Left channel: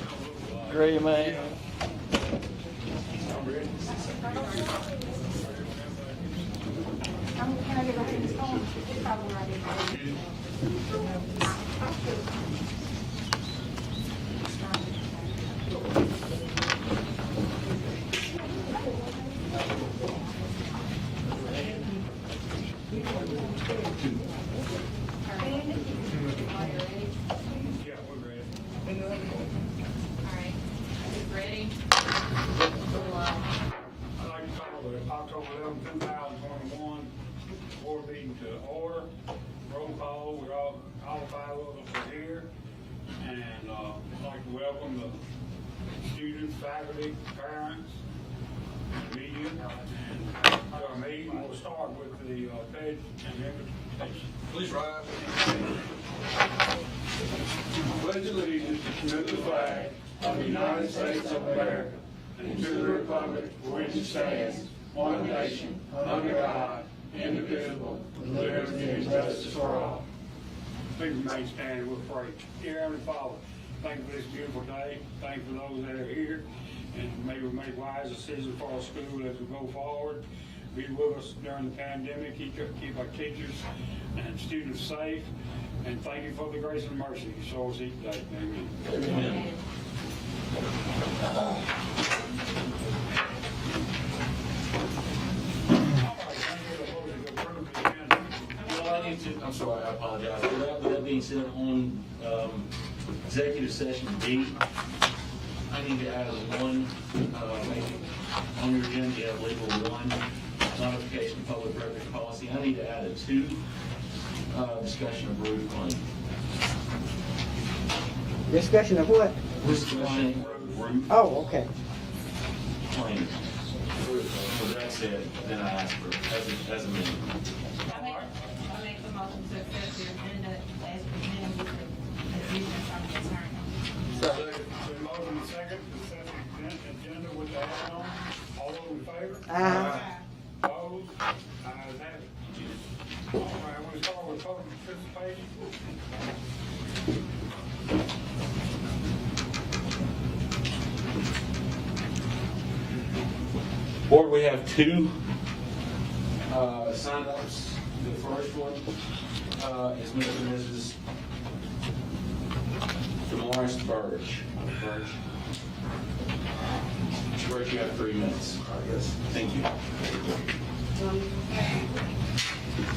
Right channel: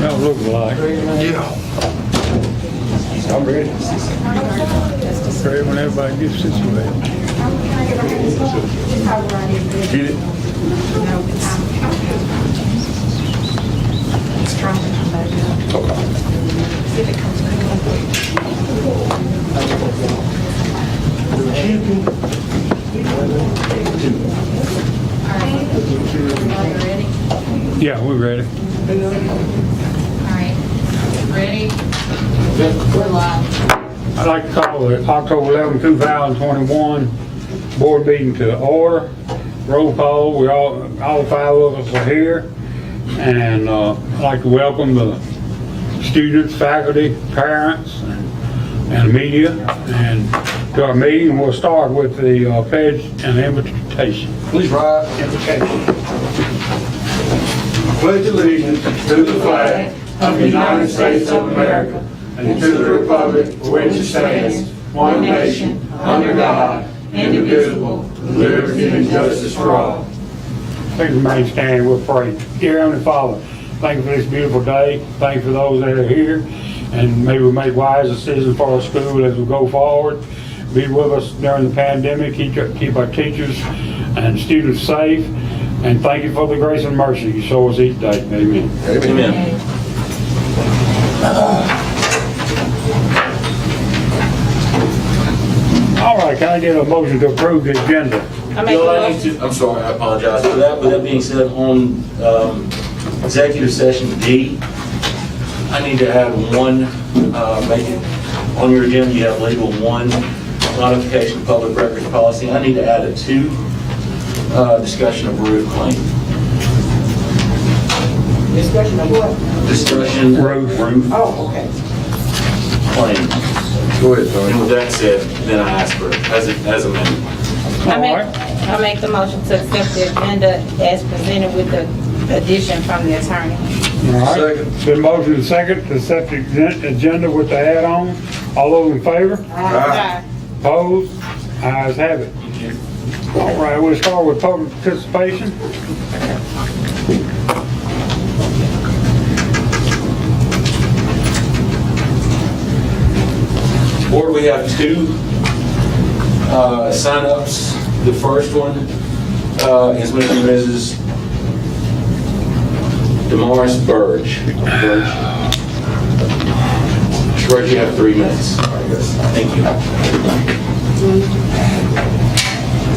Don't look like. Yeah. I'm ready. Ready when everybody gets situated. Get it? Yeah, we're ready. Alright, ready? We're live. I'd like to call the October 11, 2021 board meeting to order. Roll call, all five of us are here. And I'd like to welcome the students, faculty, parents, and the media. And to our meeting, we'll start with the pledge and invitation. Please rise. Invitation. Pledge allegiance to the flag of the United States of America and to the republic for which it stands, one nation, under God, indivisible, with liberty and justice for all. Please remain standing, we'll pray. Dear Heavenly Father, thank you for this beautiful day. Thank you for those that are here. And may we make wise decisions for our school as we go forward. Be with us during the pandemic. Keep our teachers and students safe. And thank you for the grace and mercy you show us each day. Amen. Amen. All right, can I get a motion to approve the agenda? I make a Bill, I need motion. to, I'm sorry, I apologize for that. With that being said, on executive session D, I need to add one, make it, on your agenda, you have labeled 1, modification of public records policy. I need to add a 2, discussion of roof claim. Discussion of what? Discussion of Roof. roof Oh, okay. claim. Go ahead, And Tony. with that said, then I ask for, as amended. All right. I make the motion to accept the agenda as presented with the addition from the attorney. All right. Second. Been motion and second to accept the agenda with the add-on. All those in favor? Aye. Opposed? Ayes have it. All right, we'll start with public participation. Board, we have 2 sign-ups. The first one is Mr. and Mrs. Damaris Burge. Burge, you have 3 minutes. Thank you.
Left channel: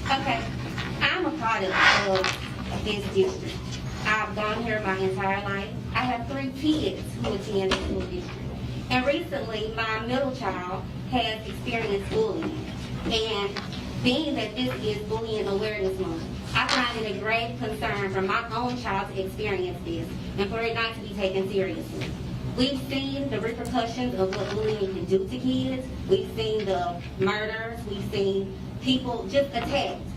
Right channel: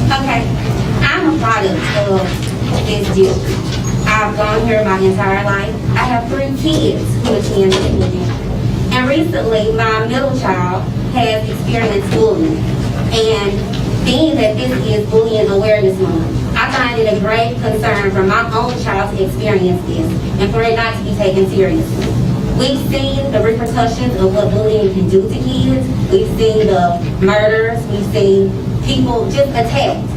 Okay, I'm a product of this district. I've gone here my entire life. I have 3 kids who attend Expenditures. And recently, my middle child has experienced bullying. And being that this is Bullying Awareness Month, I find it a grave concern for my own child to experience this and for it not to be taken seriously. We've seen the repercussions of what bullying can do to kids. We've seen the murders. We've seen people just attacked.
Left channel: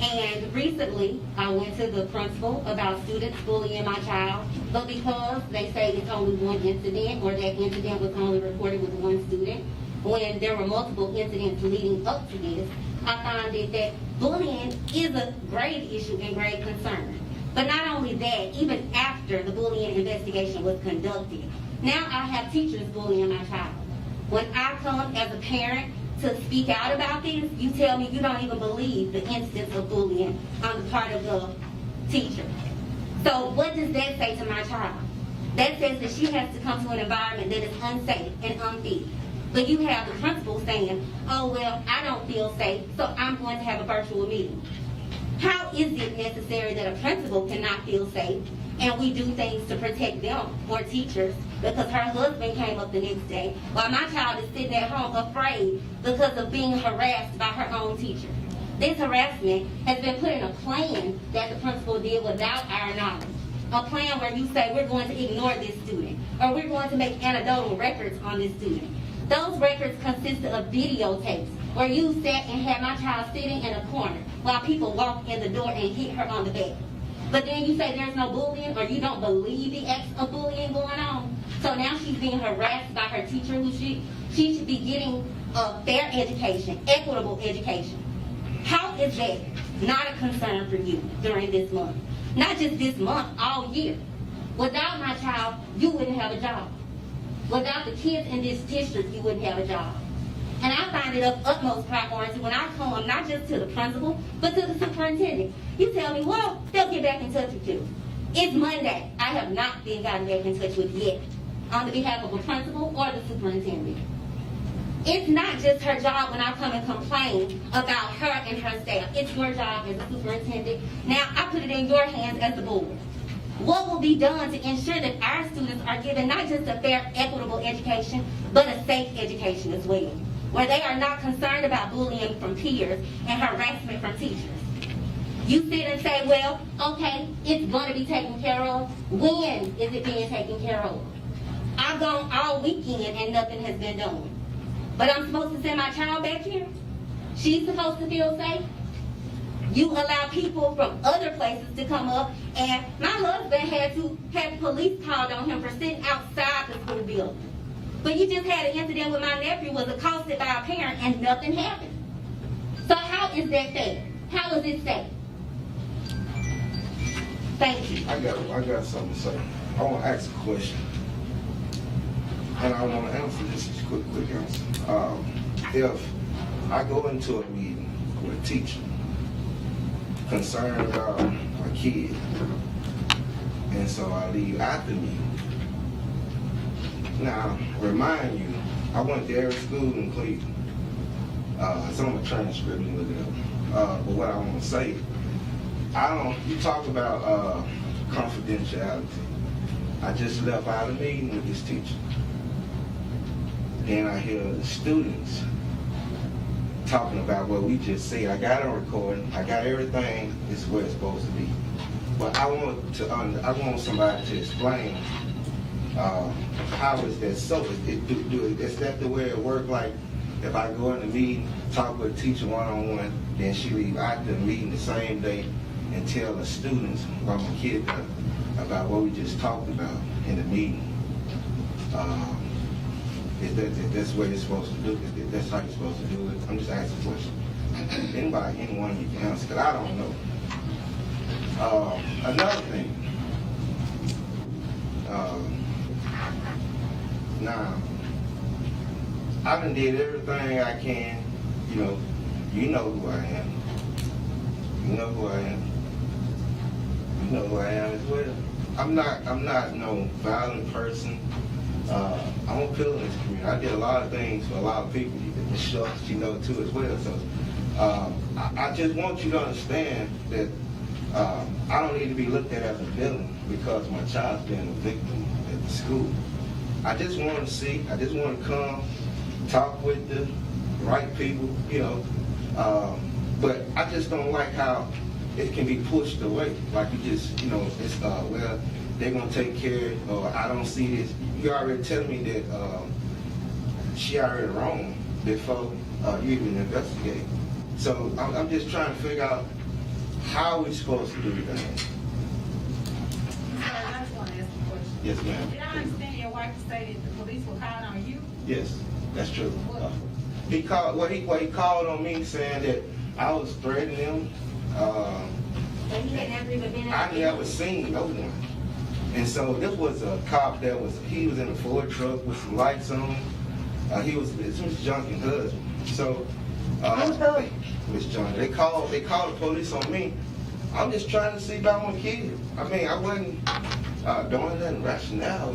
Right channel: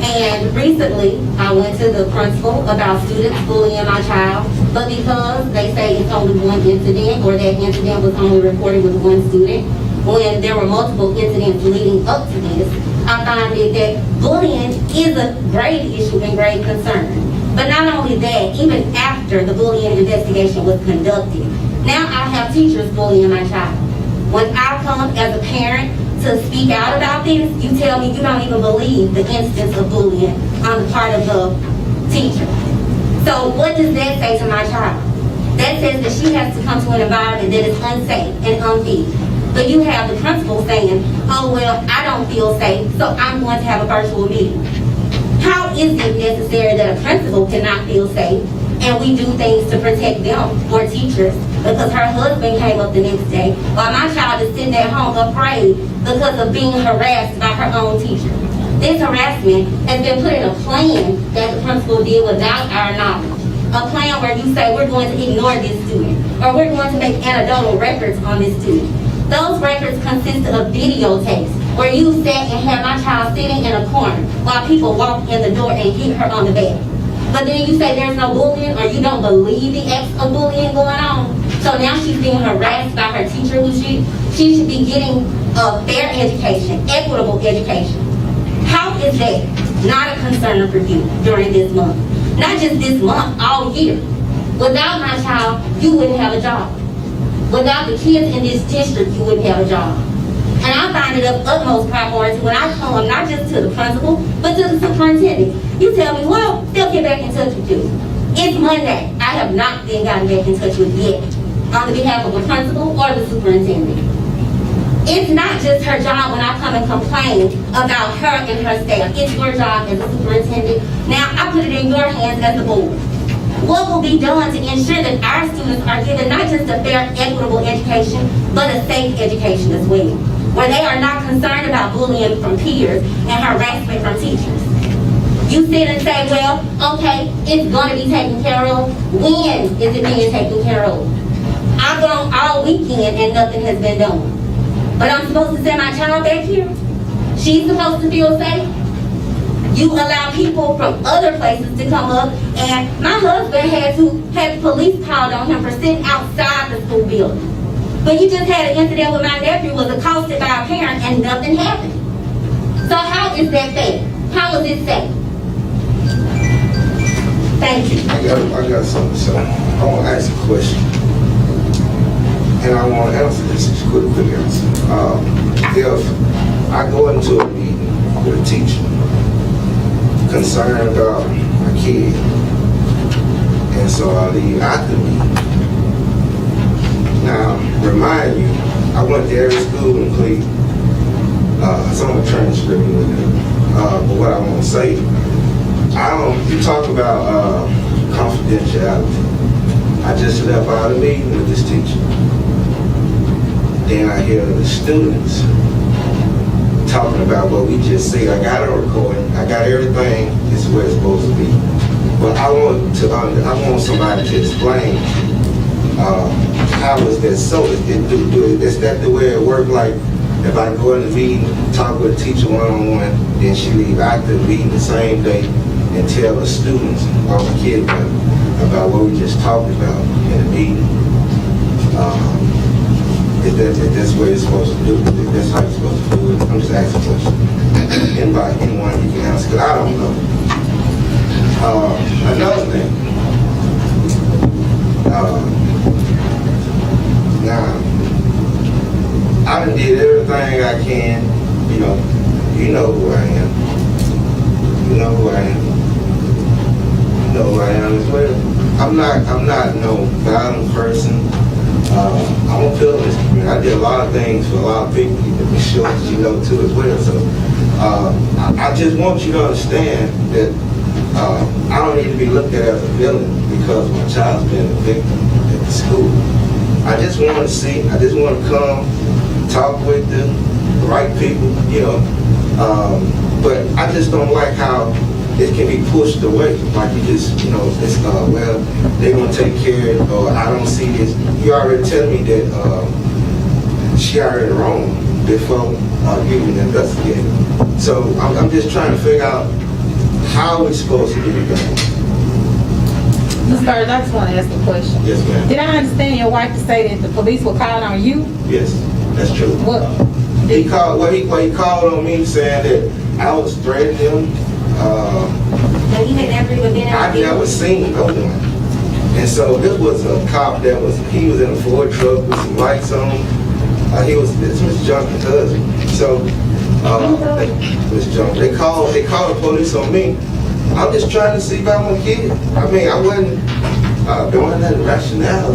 And recently, I went to the principal about students bullying my child, but because they say it's only one incident, or that incident was only reported with 1 student, when there were multiple incidents leading up to this, I find it that bullying is a grave issue and grave concern. But not only that, even after the bullying investigation was conducted, now I have teachers bullying my child. When I come as a parent to speak out about this, you tell me you don't even believe the instance of bullying on the part of the teacher. So what does that say to my child? That says that she has to come to an environment that is unsafe and unfit. But you have the principal saying, oh, well, I don't feel safe, so I'm going to have a virtual meeting. How is it necessary that a principal cannot feel safe and we do things to protect them or teachers? Because her husband came up the next day while my child is sitting at home afraid because of being harassed by her own teacher. This harassment has been put in a plan that the principal did without our knowledge. A plan where you say we're going to ignore this student or we're going to make anecdotal records on this student. Those records consist of videotapes where you sat and had my child sitting in a corner while people walked in the door and hit her on the back. But then you say there's no bullying or you don't believe the acts of bullying going on. So now she's being harassed by her teacher who she should be getting a fair education, equitable education. How is that not a concern for you during this month. Not just this month, all year. Without my child, you wouldn't have a job. Without the kids in this district, you wouldn't have a job. And I find it of utmost priority when I come, not just to the principal, but to the superintendent. You tell me, well, they'll get back in touch with you. It's Monday. I have not been gotten back in touch with yet on the behalf of the principal or the superintendent. It's not just her job when I come and complain about her and her staff. It's your job as a superintendent. Now, I put it in your hands as the board. What will be done to ensure that our students are given not just a fair, equitable education, but a safe education as well, where they are not concerned about bullying from peers and harassment from teachers? You sit and say, well, okay, it's going to be taken care of. When is it being taken care of? I've gone all weekend and nothing has been done. But I'm supposed to send my child back here? She's supposed to feel safe? You allow people from other places to come up, and my husband had the police called on him for sitting outside the school building. But you just had an incident with my nephew was accosted by a parent and nothing happened. So how is that fair? How is it safe? Thank you. I got something to say. I want to ask a question. And I want to answer this as quick answer. If I go into a meeting with a teacher concerned about my kid, and so I leave out the meeting. Now, remind you, I went to every school in Cleveland. Some of the transcript with it. But what I want to say, you talk about confidentiality. I just left out a meeting with this teacher. Then I hear the students talking about what we just said. I got a recording. I got everything. This is where it's supposed to be. But I want somebody to explain how is that so? Is that the way it works? Like if I go in the meeting, talk with a teacher one-on-one, then she leave out the meeting the same day and tell the students or the kids about what we just talked about in the meeting. If that's what it's supposed to do, if that's how you're supposed to do it, I'm just asking a question. Anyone you can answer, because I don't know. Another thing. Now, I done did everything I can, you know who I am. You know who I am. You know who I am as well. I'm not no violent person. I'm a pillar in this community. I did a lot of things for a lot of people, I'm sure that you know too as well. So I just want you to understand that I don't need to be looked at as a villain because my child's been a victim at the school. I just want to come, talk with the right people, but I just don't like how it can be pushed away. Like you just, it's well, they're gonna take care of it, or I don't see this. You already tell me that she already wrong before you even investigate. So I'm just trying to figure out how we're supposed to do it. Ms. Burge, I just want to ask a question. Yes, ma'am. Did I understand your wife to say that the police were calling on you? Yes, that's true. What? He called on me saying that I was threatening him. And you had never even been out I never seen no one. And so this was a cop he was in a Ford truck with some lights on. This was Junk's husband. So they called the police on me. I'm just trying to see about my kid. I mean, I wasn't doing that rationale.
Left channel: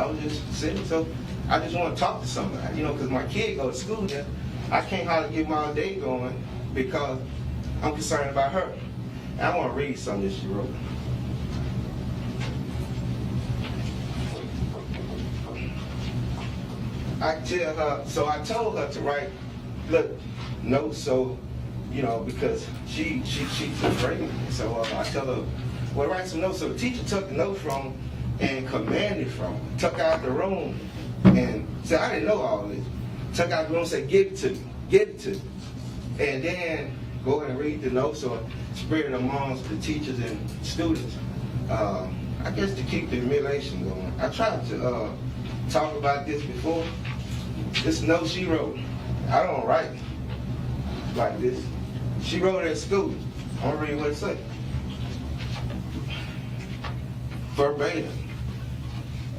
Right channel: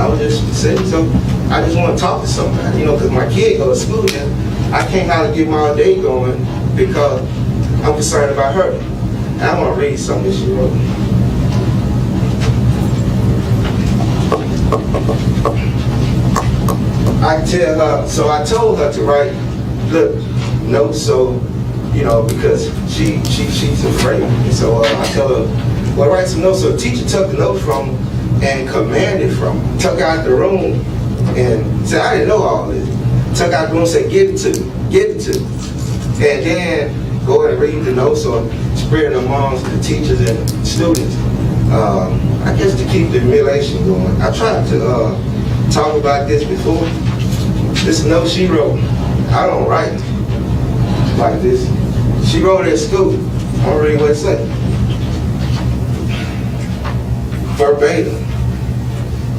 I was just sitting. So I just want to talk to somebody, because my kid goes to school now. I can't hardly get my day going because I'm concerned about her. And I'm going to read something that she wrote. I told her to write notes because she's afraid. And so I told her, well, write some notes. So the teacher took the note from her and commanded from her, took her out the room and said, I didn't know all this. Took out the room and said, give it to me. And then go ahead and read the notes or spread them amongst the teachers and students. I guess to keep the humiliation going. I tried to talk about this before. This note she wrote, I don't write like this. She wrote it at school. I'm gonna read what it said. Verbatim.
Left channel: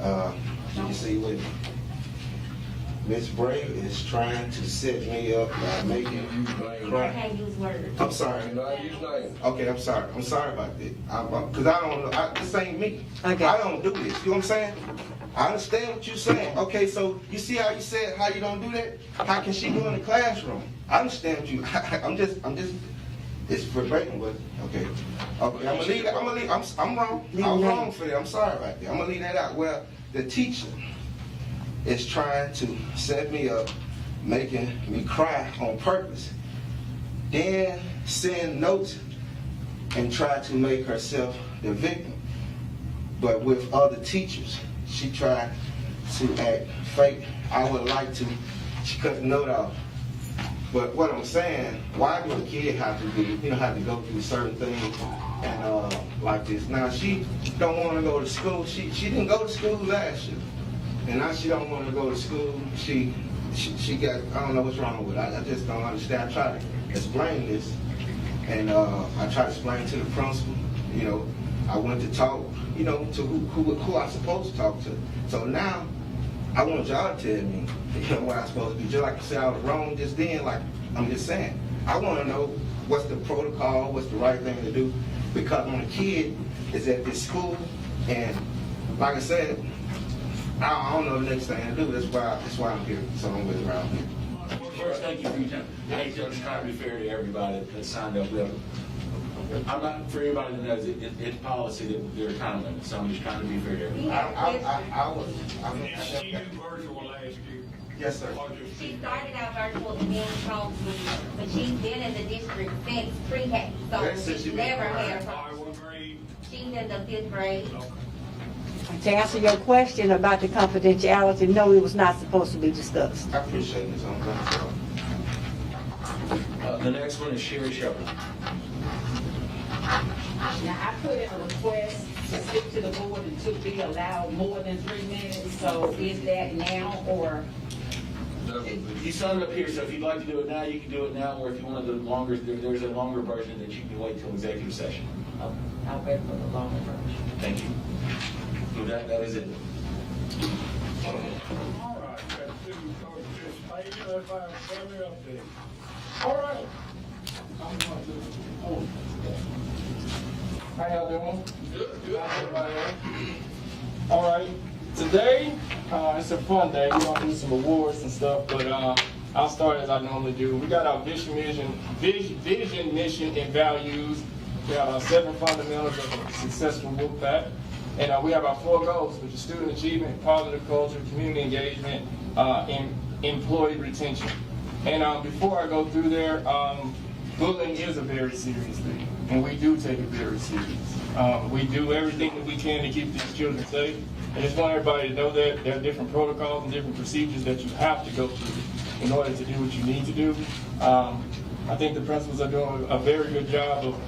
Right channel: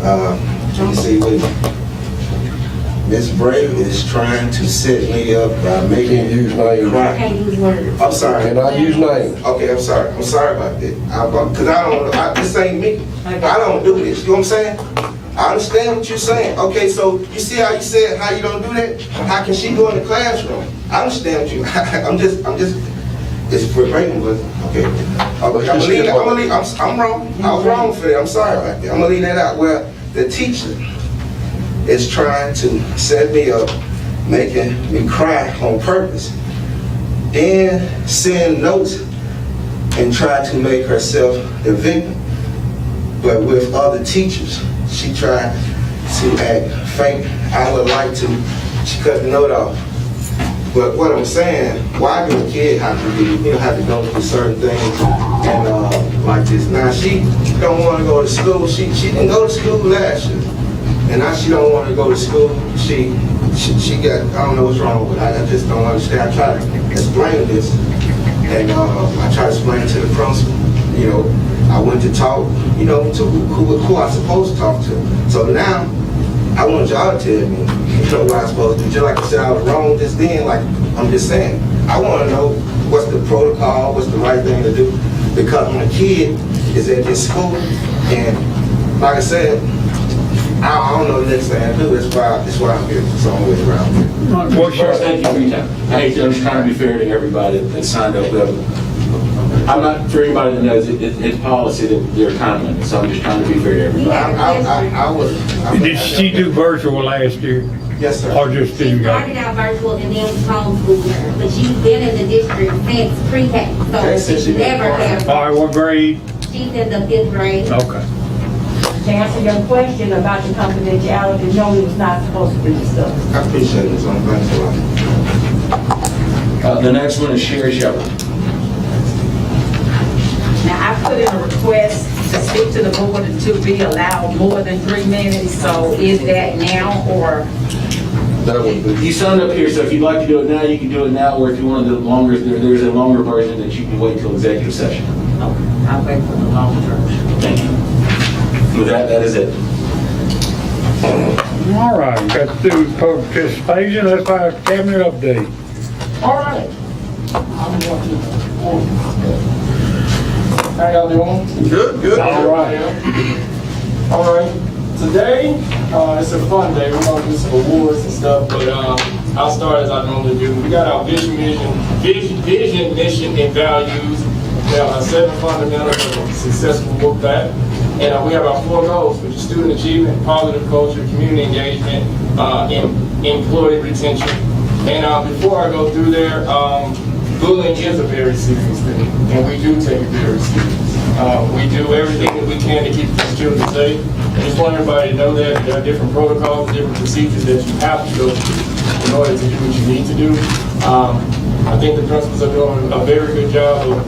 Let me see what Miss Brave is trying to set me up by making Can't use me names. cry. Can't use words. I'm sorry. Can I use names? Okay, I'm sorry. I'm sorry about that. Because I don't, this ain't me. I don't do this. You know what I'm saying? I understand what you're saying. Okay, so you see how you said how you don't do that? How can she go in the classroom? I understand what you, I'm just, it's verbatim, but, okay. I'm wrong. I was wrong for that. I'm sorry about that. I'm gonna leave that out. Well, the teacher is trying to set me up, making me cry on purpose, then send notes and try to make herself the victim. But with other teachers, she tried to act fake. I would like to, she cut the note off. But what I'm saying, why do a kid have to be, have to go through certain things and like this? Now she don't want to go to school. She didn't go to school last year. And now she don't want to go to school. She got, I don't know what's wrong with her. I just don't understand. I try to explain this. And I try to explain to the principal, I went to talk, to who I supposed to talk to. So now, I want y'all to tell me, what I'm supposed to do. Just like I said, I was wrong just then, like I'm just saying. I want to know what's the protocol, what's the right thing to do. Because when a kid is at this school, and like I said, I don't know the next thing to do. That's why I'm here. So I'm always around here. What's your, First, thank you for your time. I'm just trying to be fair to everybody that signed up. I'm not, for anybody that knows, it's policy that there are time limits, so I'm just trying to be fair to everybody. I would. did she do virtual last year? Yes, sir. Or just She didn't go? started out virtual and then homeschooled her, but she's been in the district since pre-K, Okay, so since she she been never part of had. All right, what grade? She's in the 5th grade. Okay. To answer your question about the confidentiality, no, it was not supposed to be discussed. I appreciate this. Thanks a lot. The next one is Sheppard. Now, I put in a request to speak to the board and to be allowed more than 3 minutes, so is that now or? That would be. You signed up here, so if you'd like to do it now, you can do it now, or if you want to do it longer, there's a longer version that you can wait till executive session. Okay, I'll wait for the longer version. Thank you. With that, that is it. All right, got through participation. Let's have a cabinet update. All right. How y'all doing? Good. All right. All right. Today, it's a fun day. We're gonna do some awards and stuff, but I'll start as I normally do. We got our vision, mission, and values. We have our 7 fundamentals of a successful work that. And we have our 4 goals, which is student achievement, positive culture, community engagement, employee retention. And before I go through there, bullying is a very serious thing, and we do take it very serious. We do everything that we can to keep these children safe. I just want everybody to know that there are different protocols, different procedures that you have to go through in order to do what you need to do. I think the principals are doing a very good job of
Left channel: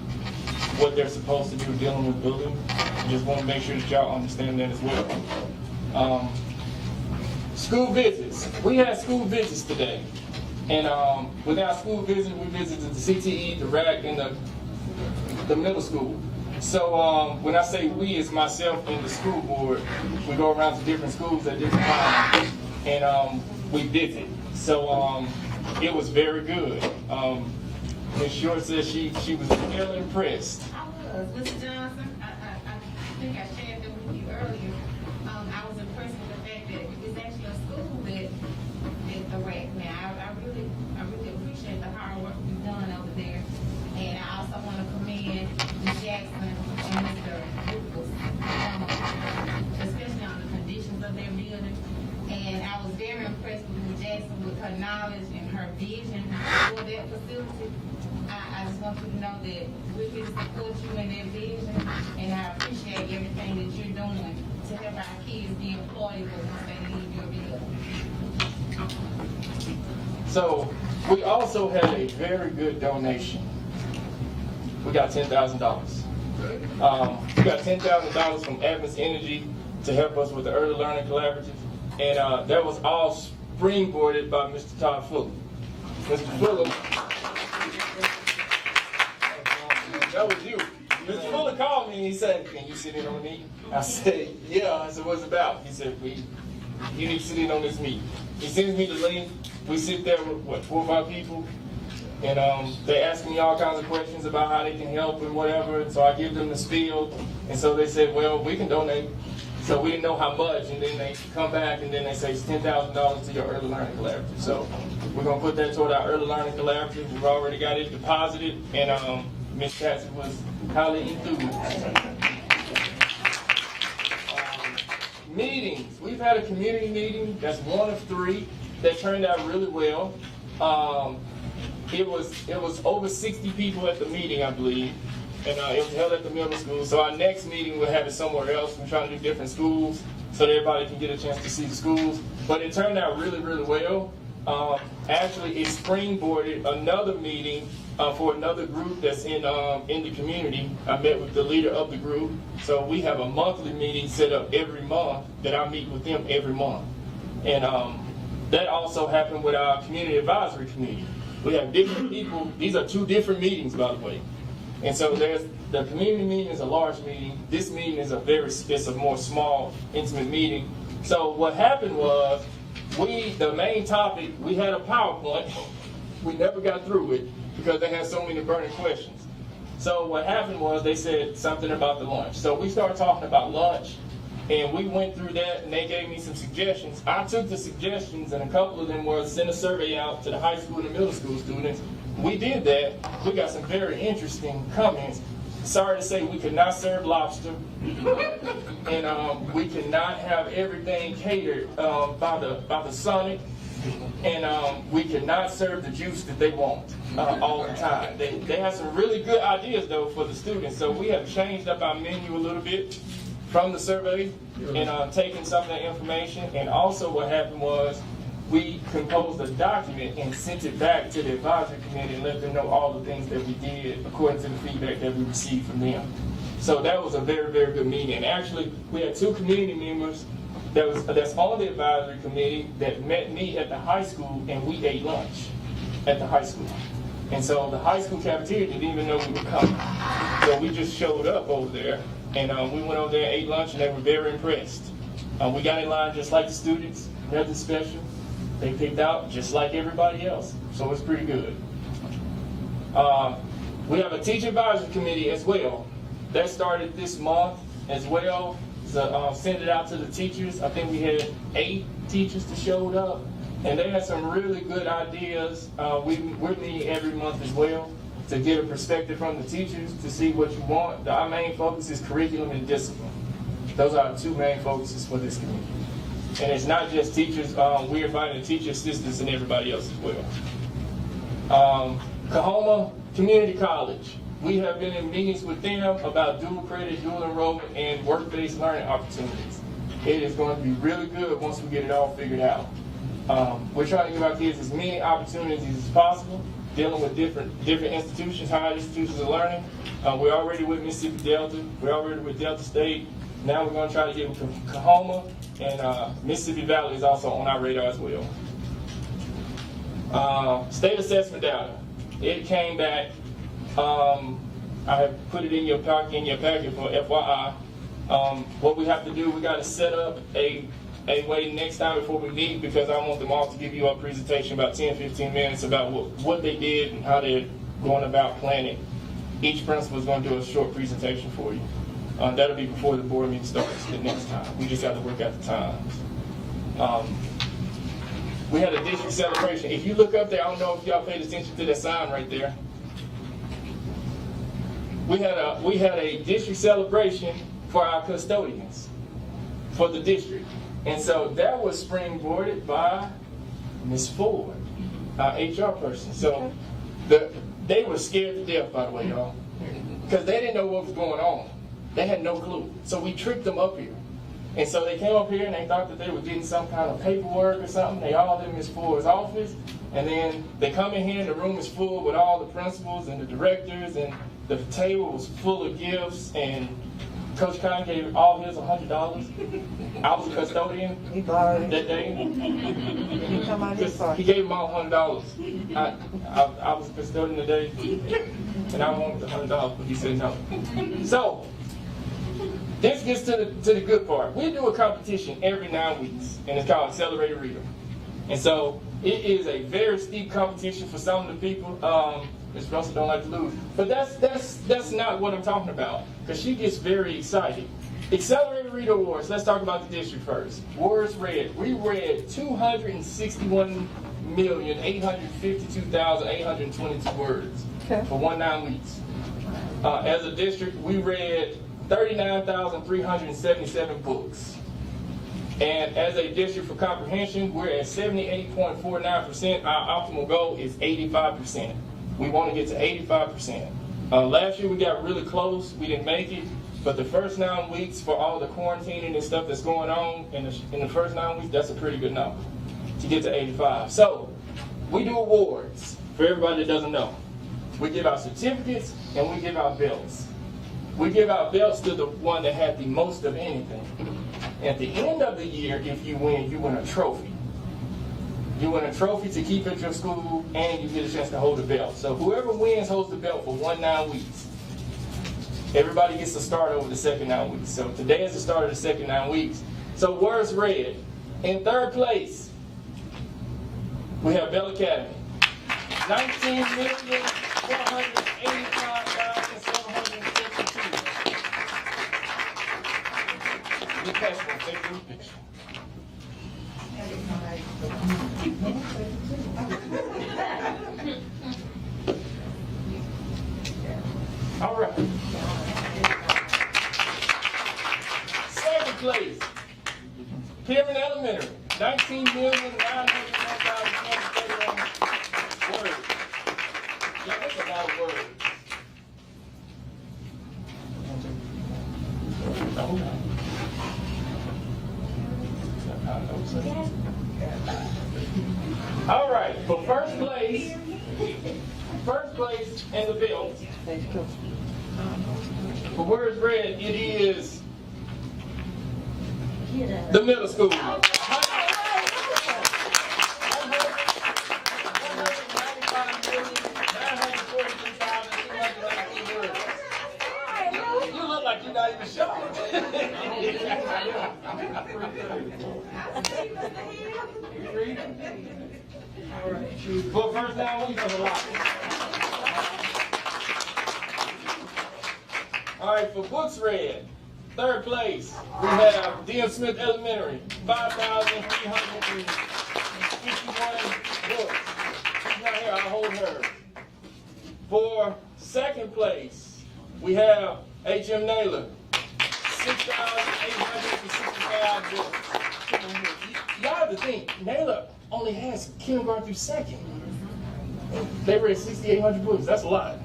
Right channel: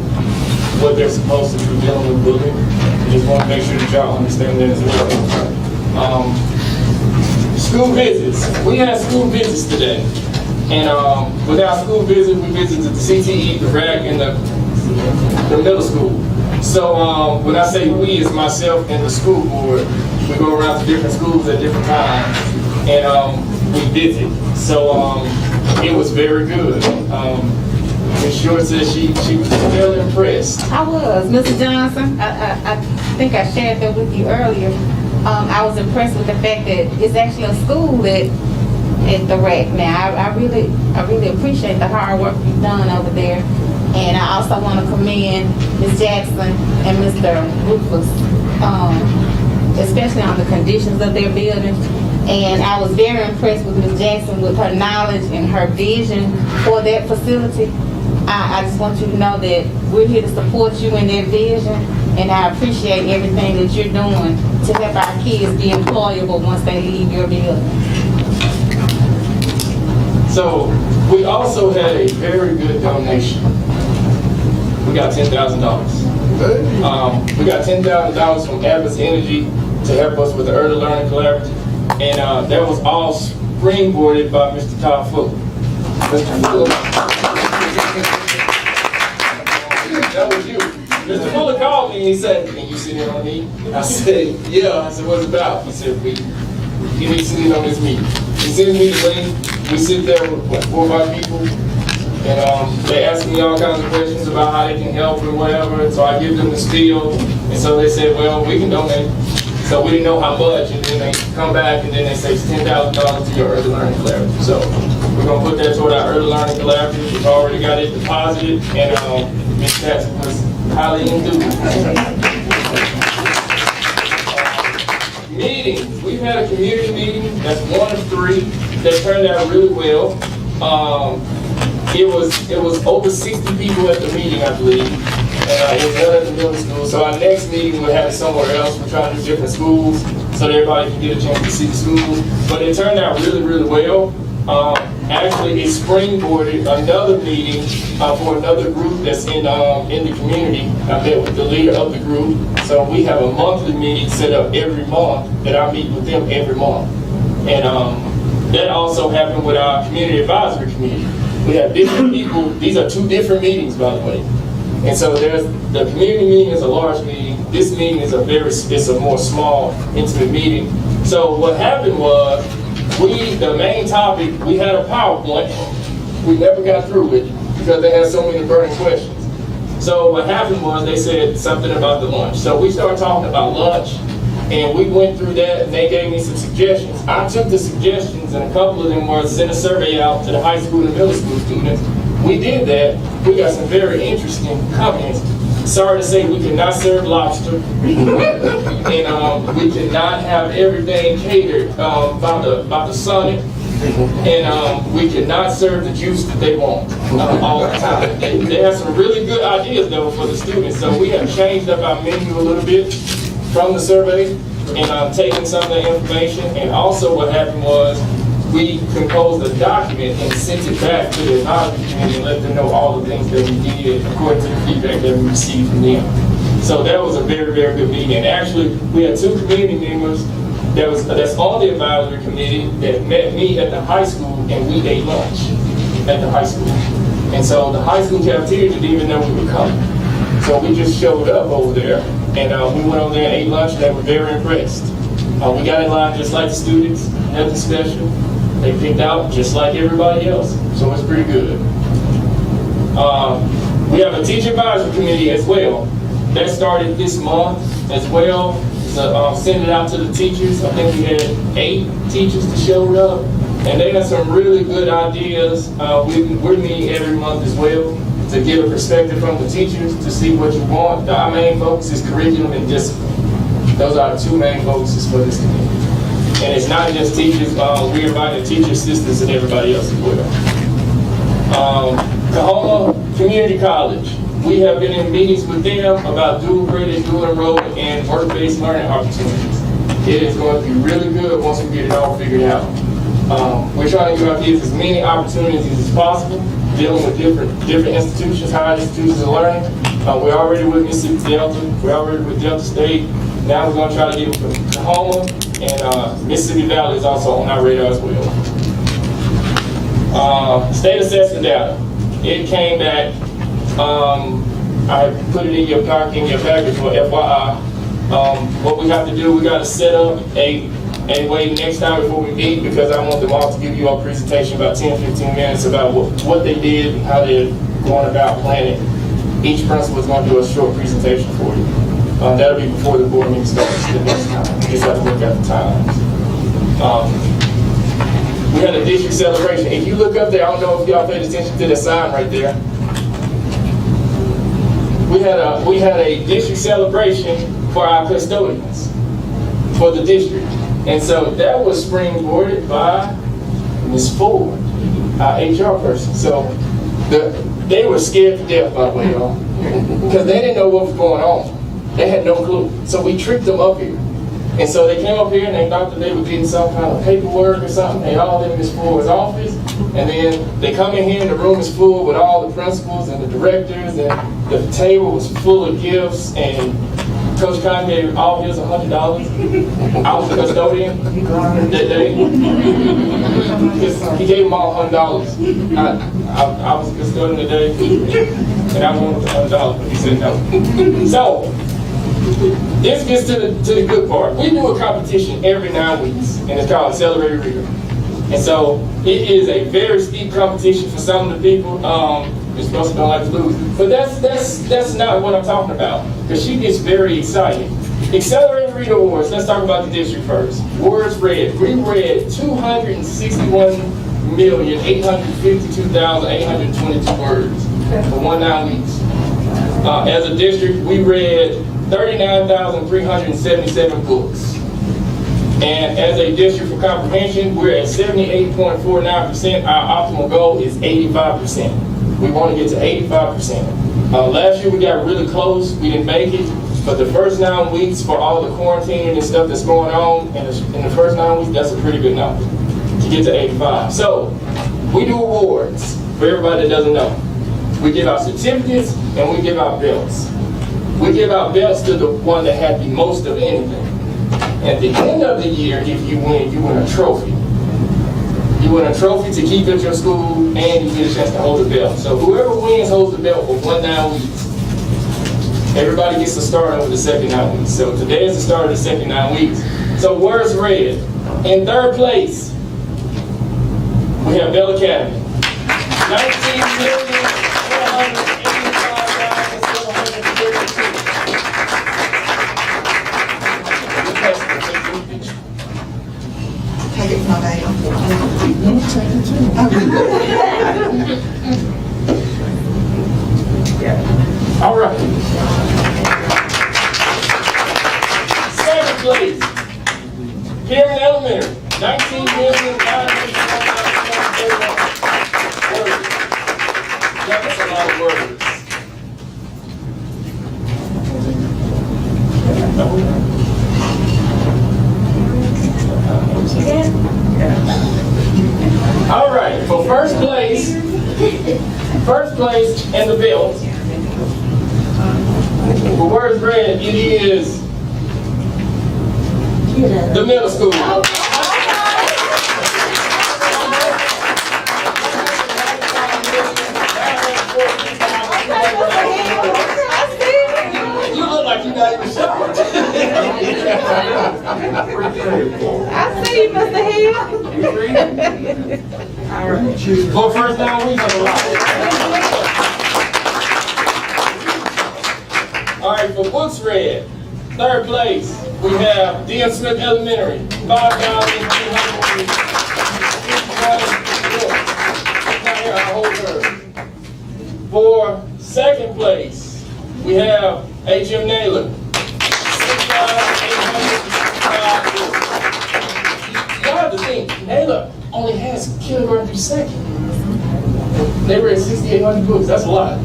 what they're supposed to do dealing with bullying. I just want to make sure that y'all understand that as well. School visits. We had school visits today. And with our school visit, we visited the CTE, the RAC, and the middle school. So when I say we, it's myself and the school board. We go around to different schools at different times, and we visit. So it was very good. Ms. Short said she was very impressed. I was, Mr. Johnson, I think I shared that with you earlier. I was impressed with the fact that it's actually a school that at the RAC now. I really appreciate the hard work you've done over there. And I also want to commend Ms. Jackson and Mr. Rufus, especially on the conditions of their buildings. And I was very impressed with Ms. Jackson with her knowledge and her vision for that facility. I just want you to know that we're here to support you in that vision, and I appreciate everything that you're doing to help our kids be employable once they leave your building. So we also had a very good donation. We got $10,000. We got $10,000 from Atlas Energy to help us with the Early Learning Collaborative, and that was all springboarded by Mr. Todd Fuller. Mr. Fuller. That was you. Mr. Fuller called me and he said, "Can you sit in on me?" I said, "Yeah." I said, "What's it about?" He said, "You need to sit in on this meeting." He sends me the link. We sit there with what, 4 or 5 people, and they ask me all kinds of questions about how they can help and whatever. And so I give them the spiel, and so they said, "Well, we can donate." So we didn't know how much, and then they come back and then they say it's $10,000 to your early learning collaborative. So we're gonna put that toward our early learning collaborative. We've already got it deposited, and Ms. Jackson was highly enthused. Meetings. We've had a community meeting. That's 1 of 3 that turned out really well. It was over 60 people at the meeting, I believe. And it was held at the middle school. So our next meeting we'll have it somewhere else. We're trying to do different schools so that everybody can get a chance to see the schools. But it turned out really, really well. Actually, it springboarded another meeting for another group that's in the community. I met with the leader of the group. So we have a monthly meeting set up every month that I meet with them every month. And that also happened with our community advisory committee. We have different people. These are 2 different meetings, by the way. And so there's the community meeting is a large meeting. This meeting is it's a more small, intimate meeting. So what happened was, the main topic, we had a PowerPoint. We never got through it because they had so many burning questions. So what happened was they said something about the lunch. So we started talking about lunch, and we went through that, and they gave me some suggestions. I took the suggestions, and a couple of them were send a survey out to the high school and middle school students. We did that. We got some very interesting comments. Sorry to say, we cannot serve lobster, and we cannot have everything catered by the Sonic, and we cannot serve the juice that they want all the time. They have some really good ideas though for the students, so we have changed up our menu a little bit from the survey, and taken some of the information. And also, what happened was, we composed a document and sent it back to the advisory committee and let them know all the things that we did according to the feedback that we received from them. So that was a very, very good meeting. And actually, we had 2 community members that's on the advisory committee that met me at the high school, and we ate lunch at the high school. And so the high school cafeteria didn't even know we were coming. So we just showed up over there, and we went over there and ate lunch, and they were very impressed. We got in line just like the students, nothing special. They picked out just like everybody else, so it's pretty good. We have a teacher advisory committee as well. That started this month as well. So send it out to the teachers. I think we had 8 teachers that showed up, and they got some really good ideas. We're meeting every month as well to get a perspective from the teachers to see what you want. Our main focus is curriculum and discipline. Those are the 2 main focuses for this committee. And it's not just teachers, we're inviting teacher assistants and everybody else as well. Kahoma Community College. We have been in meetings with them about dual credit, dual enrollment, and work-based learning opportunities. It is going to be really good once we get it all figured out. We're trying to give our kids as many opportunities as possible, dealing with different institutions, higher institutions of learning. We're already with Mississippi Delta, we're already with Delta State. Now we're going to try to get with Kahoma, and Mississippi Valley is also on our radar as well. State assessment data. It came back. I have put it in your package for FYI. What we have to do, we got to set up a way next time before we meet, because I want them all to give you a presentation about 10-15 minutes about what they did and how they're going about planning. Each principal is going to do a short presentation for you. That'll be before the board meeting starts the next time. We just have to look at the times. We had a district celebration. If you look up there, I don't know if y'all paid attention to the sign right there. We had a district celebration for our custodians for the district. And so that was springboarded by Ms. Ford, our HR person. So they were scared to death, by the way, y'all, because they didn't know what was going on. They had no clue. So we tricked them up here. And so they came up here and they thought that they were getting some kind of paperwork or something. They all in Ms. Ford's office. And then they come in here and the room is full with all the principals and the directors, and the table was full of gifts, and Coach Khan gave all of us $100. I was the custodian that day. Because he gave them all $100. I was the custodian today. and I wanted the $100, but he said no. So, this gets to the good part. We do a competition every 9 weeks, and it's called Accelerated Reader. And so, it is a very steep competition for some of the people. Ms. Russell don't like to lose. But that's not what I'm talking about, because she gets very excited. Accelerated Reader Awards, let's talk about the district first. Words read. We read 261,852,822 words for 9 weeks. As a district, we read 39,377 books. And as a district for comprehension, we're at 78.49%. Our optimal goal is 85%. We want to get to 85%. Last year we got really close. We didn't make it. But the first 9 weeks, for all the quarantine and stuff that's going on, in the first 9 weeks, that's a pretty good number to get to 85. So, we do awards for everybody that doesn't know. We give out certificates and we give out belts. We give out belts to the one that had the most of anything. At the end of the year, if you win a trophy. You win a trophy to keep at your school, and you get a chance to hold the belt. So whoever wins holds the belt for 9 weeks. Everybody gets to start over the second 9 weeks. So today is the start of the second 9 weeks. So words read. In third place, we have Bell Academy. 19,485,732. All right. Second place, Pyramid Elementary, 19,945,731 words. That's a lot of words. All right, for first place and the belt, for words read, it is the middle school. You look like you're not even sure. I see you, Mr. Hill. All right. For first 9 weeks, I'm alive. All right, for books read, third place, we have D.M. Smith Elementary, 5,351 books. For second place, we have H.M. Naylor, 6,805 books. You have to think, Naylor only has kilogram per second. They read 6,800 books, that's a lot.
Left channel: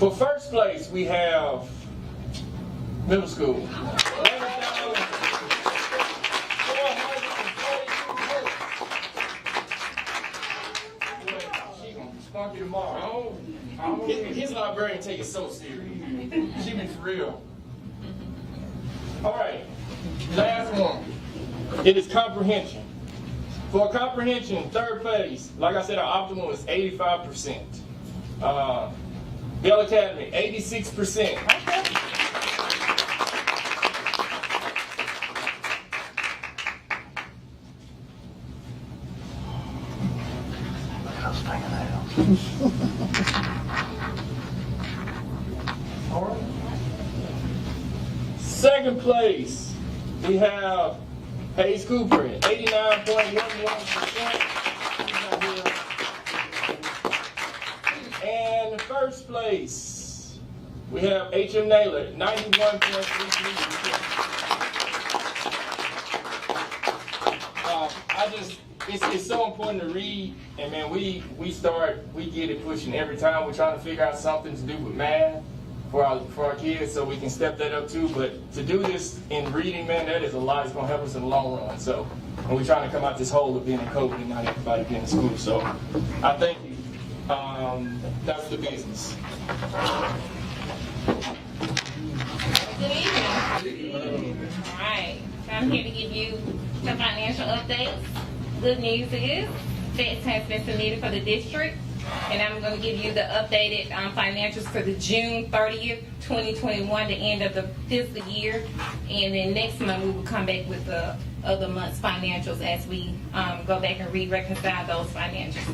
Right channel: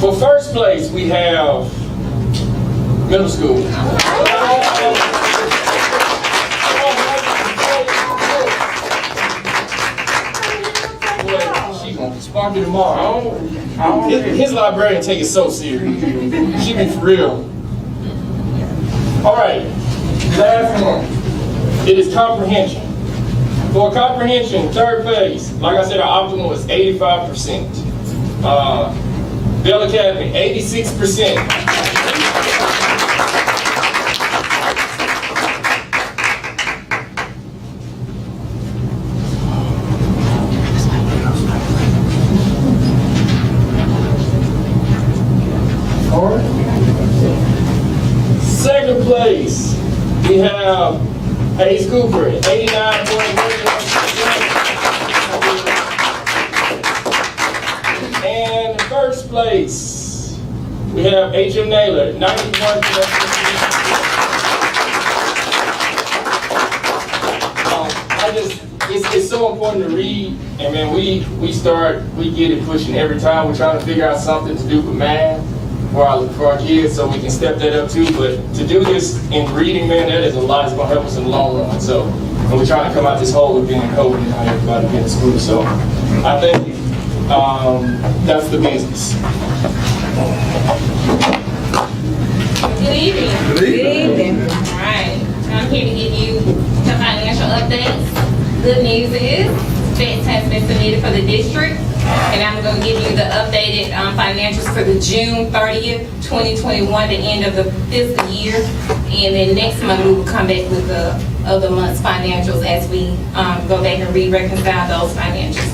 For first place, we have middle school. She's gonna spark me tomorrow. His librarian take it so serious. She be for real. All right, last one. It is comprehension. For comprehension, third place, like I said, our optimal is 85%. Bell Academy, 86%. Second place, we have Hayes Cooper, 89.1%. And first place, we have H.M. Naylor, 91%. It's so important to read, and man, we get it pushing every time. We're trying to figure out something to do with math for our kids, so we can step that up too. But to do this in reading, man, that is a lot. It's gonna help us in the long run. So, and we're trying to come out this hole with being in COVID and how everybody being in school. So, I think that's the business. Good evening. Good evening. All right, I'm here to give you the financial updates. Good news is, checks has been submitted for the district. And I'm gonna give you the updated financials for the June 30th, 2021, the end of the fiscal year. And then next month, we will come back with the other month's financials as we go back and re-reconcile those financials.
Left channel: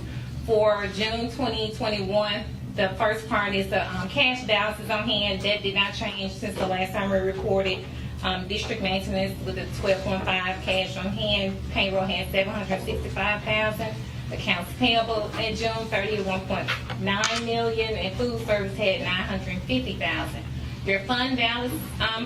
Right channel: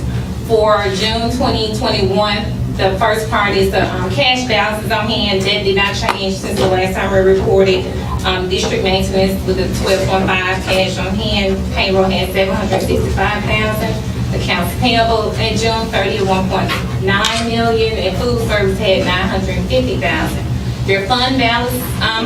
For June 2021, the first part is the cash balances on hand. That did not change since the last time we reported. District maintenance with a 12.5 cash on hand. Payroll had 765,000. Accounts payable at June 30th, 1.9 million, and food service had 950,000. Your fund balance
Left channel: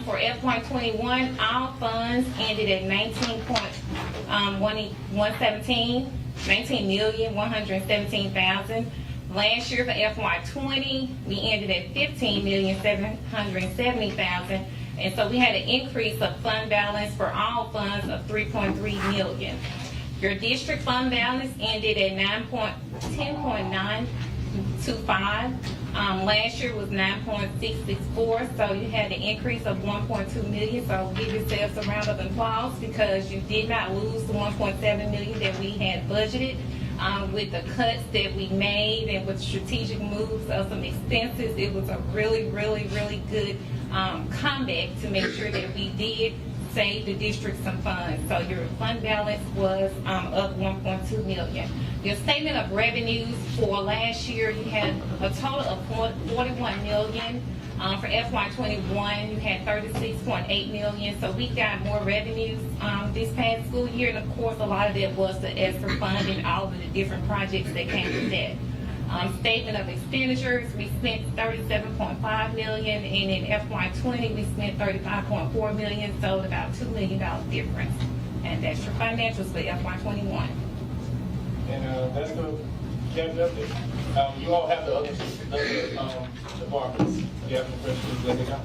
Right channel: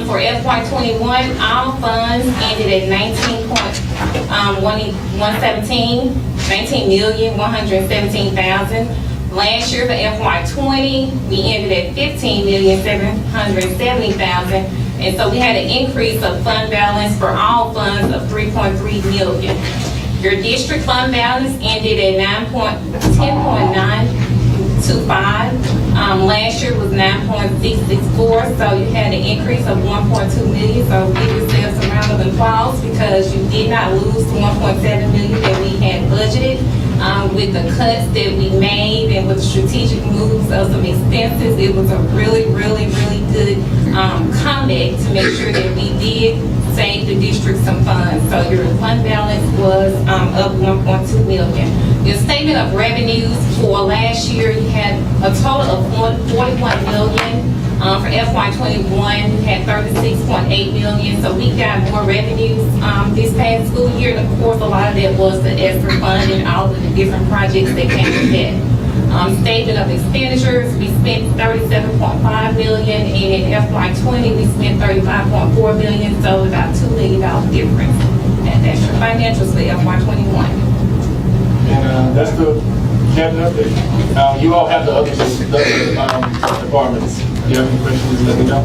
for FY21, all funds ended at 19,117,000. Last year for FY20, we ended at 15,770,000. And so we had an increase of fund balance for all funds of 3.3 million. Your district fund balance ended at 10.925. Last year was 9.664, so you had an increase of 1.2 million. So give yourselves a round of applause because you did not lose the 1.7 million that we had budgeted. With the cuts that we made and with the strategic moves of some expenses, it was a really, really, really good comeback to make sure that we did save the district some funds. So your fund balance was up 1.2 million. Your statement of revenues for last year, you had a total of 41 million. For FY21, you had 36.8 million. So we got more revenues this past school year. And of course, a lot of that was the ESSER fund and all of the different projects that came with that. Statement of expenditures, we spent 37.5 million, and in FY20 we spent 35.4 million, so about $2 million difference. And that's your financials for FY21. And that's the cabinet update. You all have the other departments. If you have any questions, let me know.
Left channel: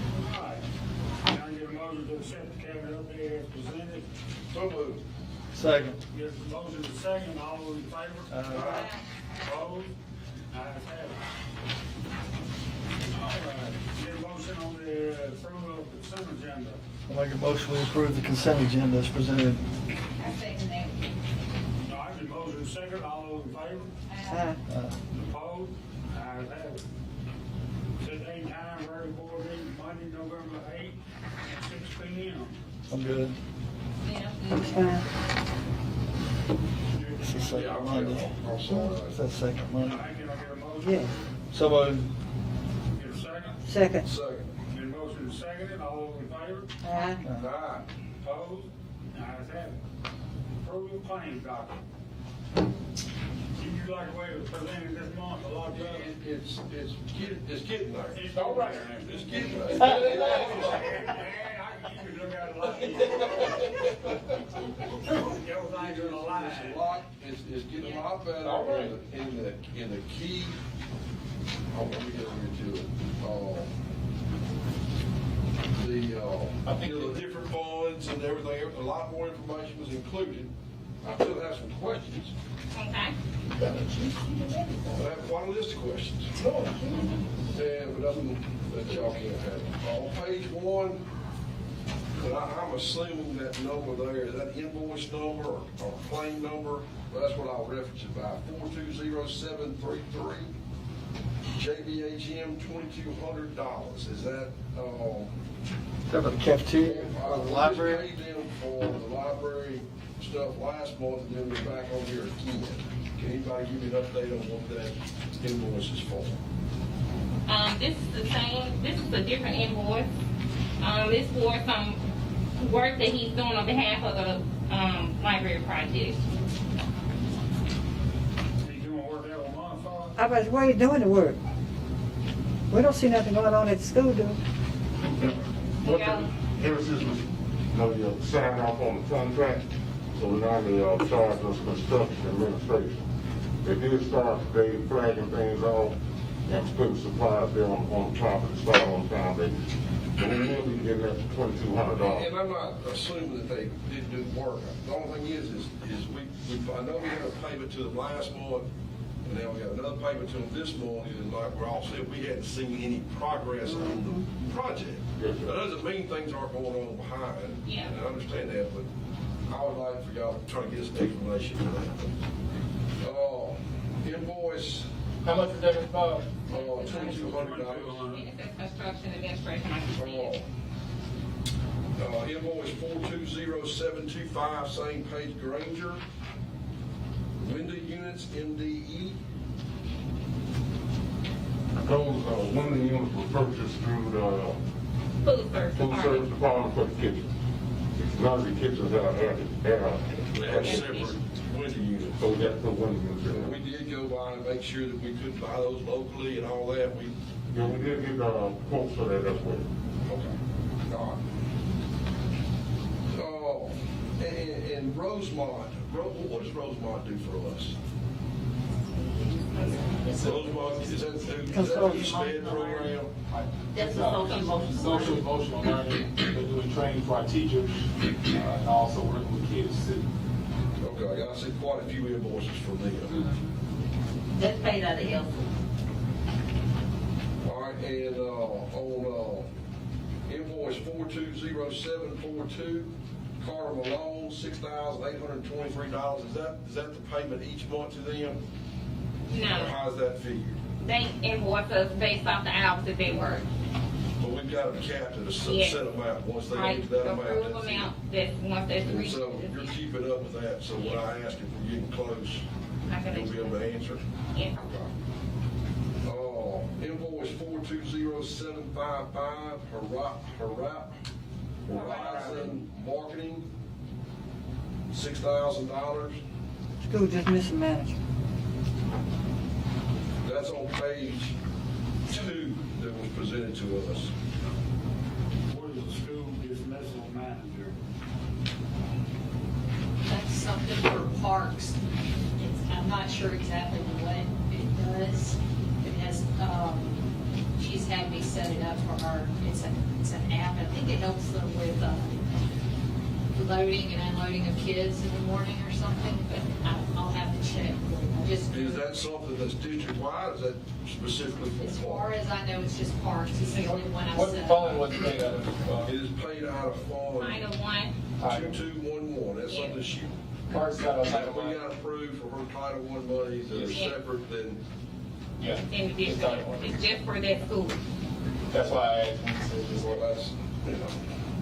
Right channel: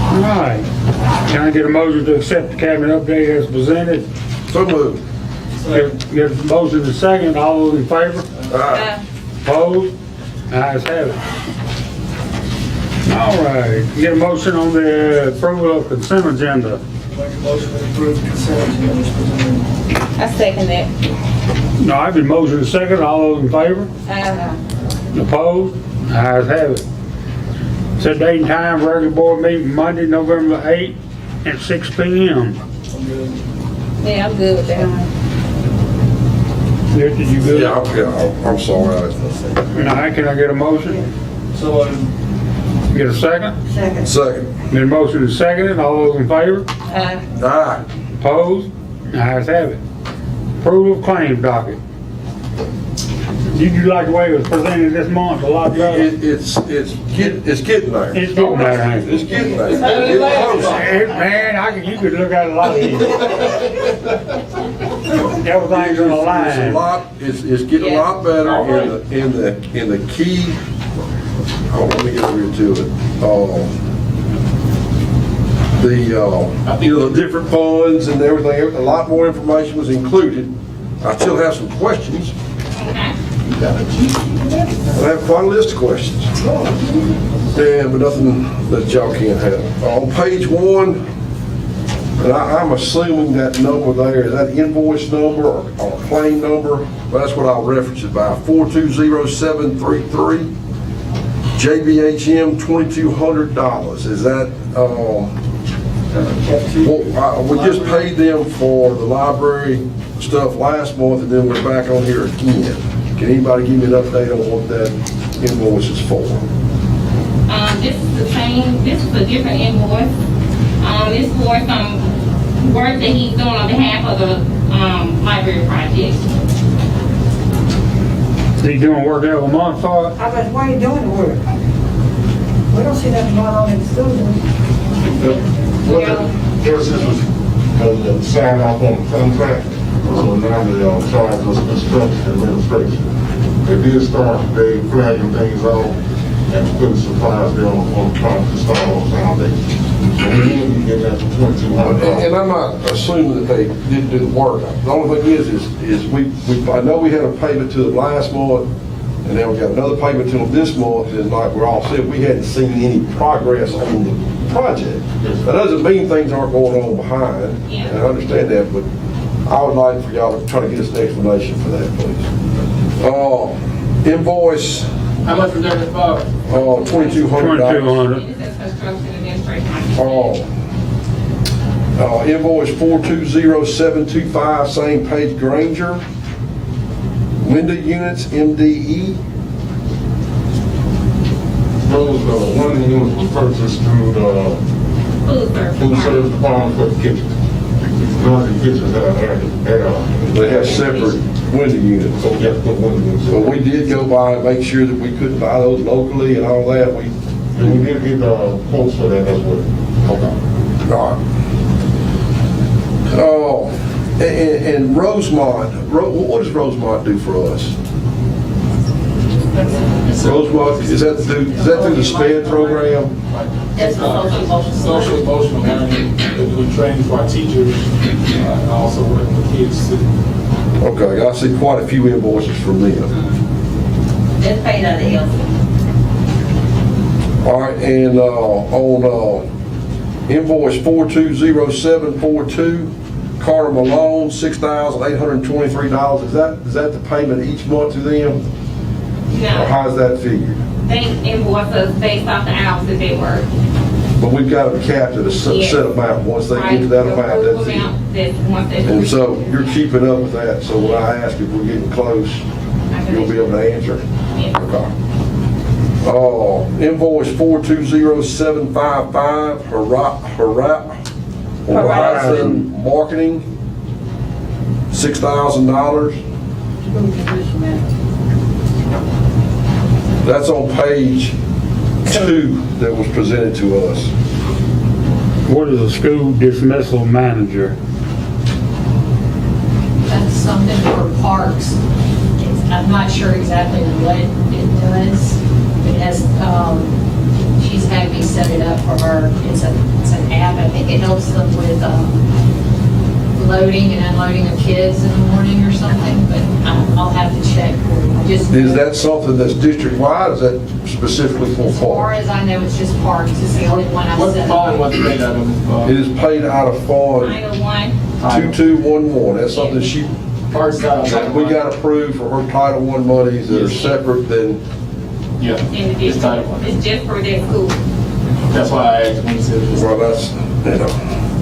All right. Can I get a motion to accept the cabinet update as presented? So moved. Get a motion to second. All those in favor? Opposed? Ayes have it. All right. Get a motion on the approval of consent agenda. Make a motion to approve consent agenda as presented. I second that. No, I've been motion to second. All those in favor? Opposed? Ayes have it. Set date and time for regular board meeting Monday, November 8th at 6 p.m. I'm good. Yeah, I'm good with that. Did you good? Yeah, I'm sorry. All right, can I get a motion? So, Get a second? Second. Get a motion to second it. All those in favor? Aye. Opposed? Ayes have it. Approval of claim docket. Did you like the way it was presented this month? A lot better? It's getting there. It's getting there, ain't it? It's getting there. It's getting closer. Man, you could look at a lot of these. Everything's in a It's a line. lot, it's getting a lot better in the key. Oh, let me get over here to it. The different funds and everything, a lot more information was included. I still have some questions. I have quite a list of questions. Yeah, but nothing that y'all can't have. On page 1, and I'm assuming that number there, is that invoice number or claim number? But that's what I'll reference it by, 420733, JBHM $2,200. Is that, we just paid them for the library stuff last month, and then we're back on here again. Can anybody give me an update on what that invoice is for? This is the same, this is a different invoice. It's for some work that he's doing on behalf of the library project. Is he doing work every month for it? I was, where are you doing the work? We don't see nothing going on in the studio. Ever since we signed off on the contract, so now they're on charge of construction administration. They did start today flagging things off and putting supplies there on the top to start on the foundation. So we will be getting that for $2,200. And I'm not assuming that they didn't do the work. The only thing is I know we had a payment to them last month, and then we got another payment to them this month, and like we're all said, we hadn't seen any progress on the project. That doesn't mean things aren't going on behind, and I understand that, but I would like for y'all to try to get us an explanation for that, please. Invoice, How much was that, Bob? $2,200. 2,200. It says construction administration. Invoice 420725, same page, Granger. Window units, MDE. Those, one of the units was purchased through the food service department for the kitchen. None of the kitchens have air. They have separate window units. So we have to put one of them. But we did go by and make sure that we couldn't buy those locally and all that. And we did get quotes for that as well. Okay. All right. Oh, and Rosemont, what does Rosemont do for us? Rosemont, is that through the SPED program? That's for Social emotional learning, we're training for our teachers, and also working with kids too. Okay, I see quite a few invoices from them. That's paid out of Elsa. All right, and on invoice 420742, Carter Malone, $6,823. Is that the payment each month to them? Or No, how's that figured? they invoice us based off the hours that they work. But we've got them capped at a set amount. Once they get to that amount, that's it. And so you're keeping up with that, so when I ask if we're getting close, you'll be able to answer. Okay. Invoice 420755, Horizon Marketing, $6,000. That's on page 2 that was presented to us. What is a school dismissal manager? That's something for parks. I'm not sure exactly what it does. It has, she's had me set it up for her. It's an app. I think it helps them with loading and unloading of kids in the morning or something, but I'll have to check. Is that something that's district-wide, or is that specifically for As far parks? as I know, it's just parks. It's the only one I've What's set the up. fund, what's the paid out of? It is paid out of fund Title one, 2211. That's something Parks out of. we got approved for her Title I monies that are separate than, Yeah, in the it's district. Title I. It's just for their school. That's why I asked when you said this. well, that's,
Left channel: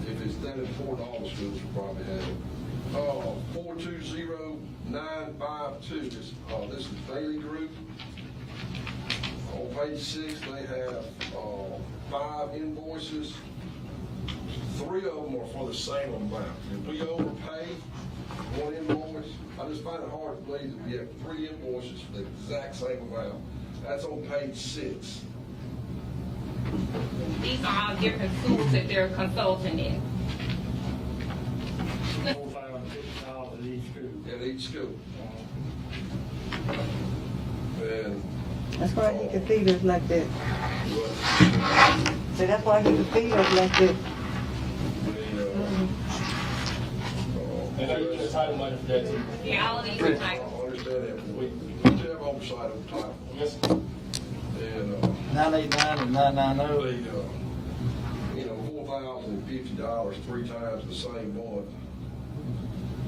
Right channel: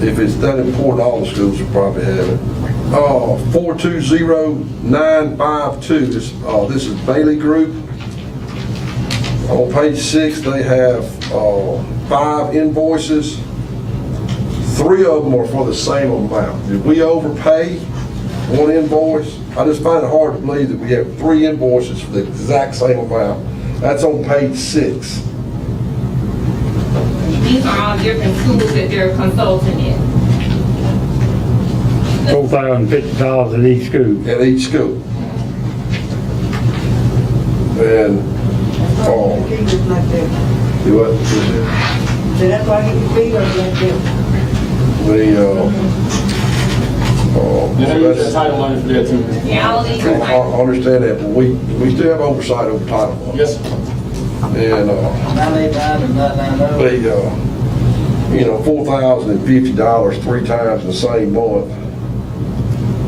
if it's that important, all the schools will probably have it. 420952, this is Bailey Group. On page 6, they have 5 invoices. 3 of them are for the same amount. Did we overpay one invoice? I just find it hard to believe that we have 3 invoices for the exact same amount. That's on page 6. These are all different schools that they're consulting in. $4,050 at each school. At each school. And, That's why he feed us like that. do what? So that's why he feed us like that. And they use that Title I for that too. Yeah, all these I are like, understand that, but we still have oversight over Title I. Yes, sir. And, $4,050 3 times in the same month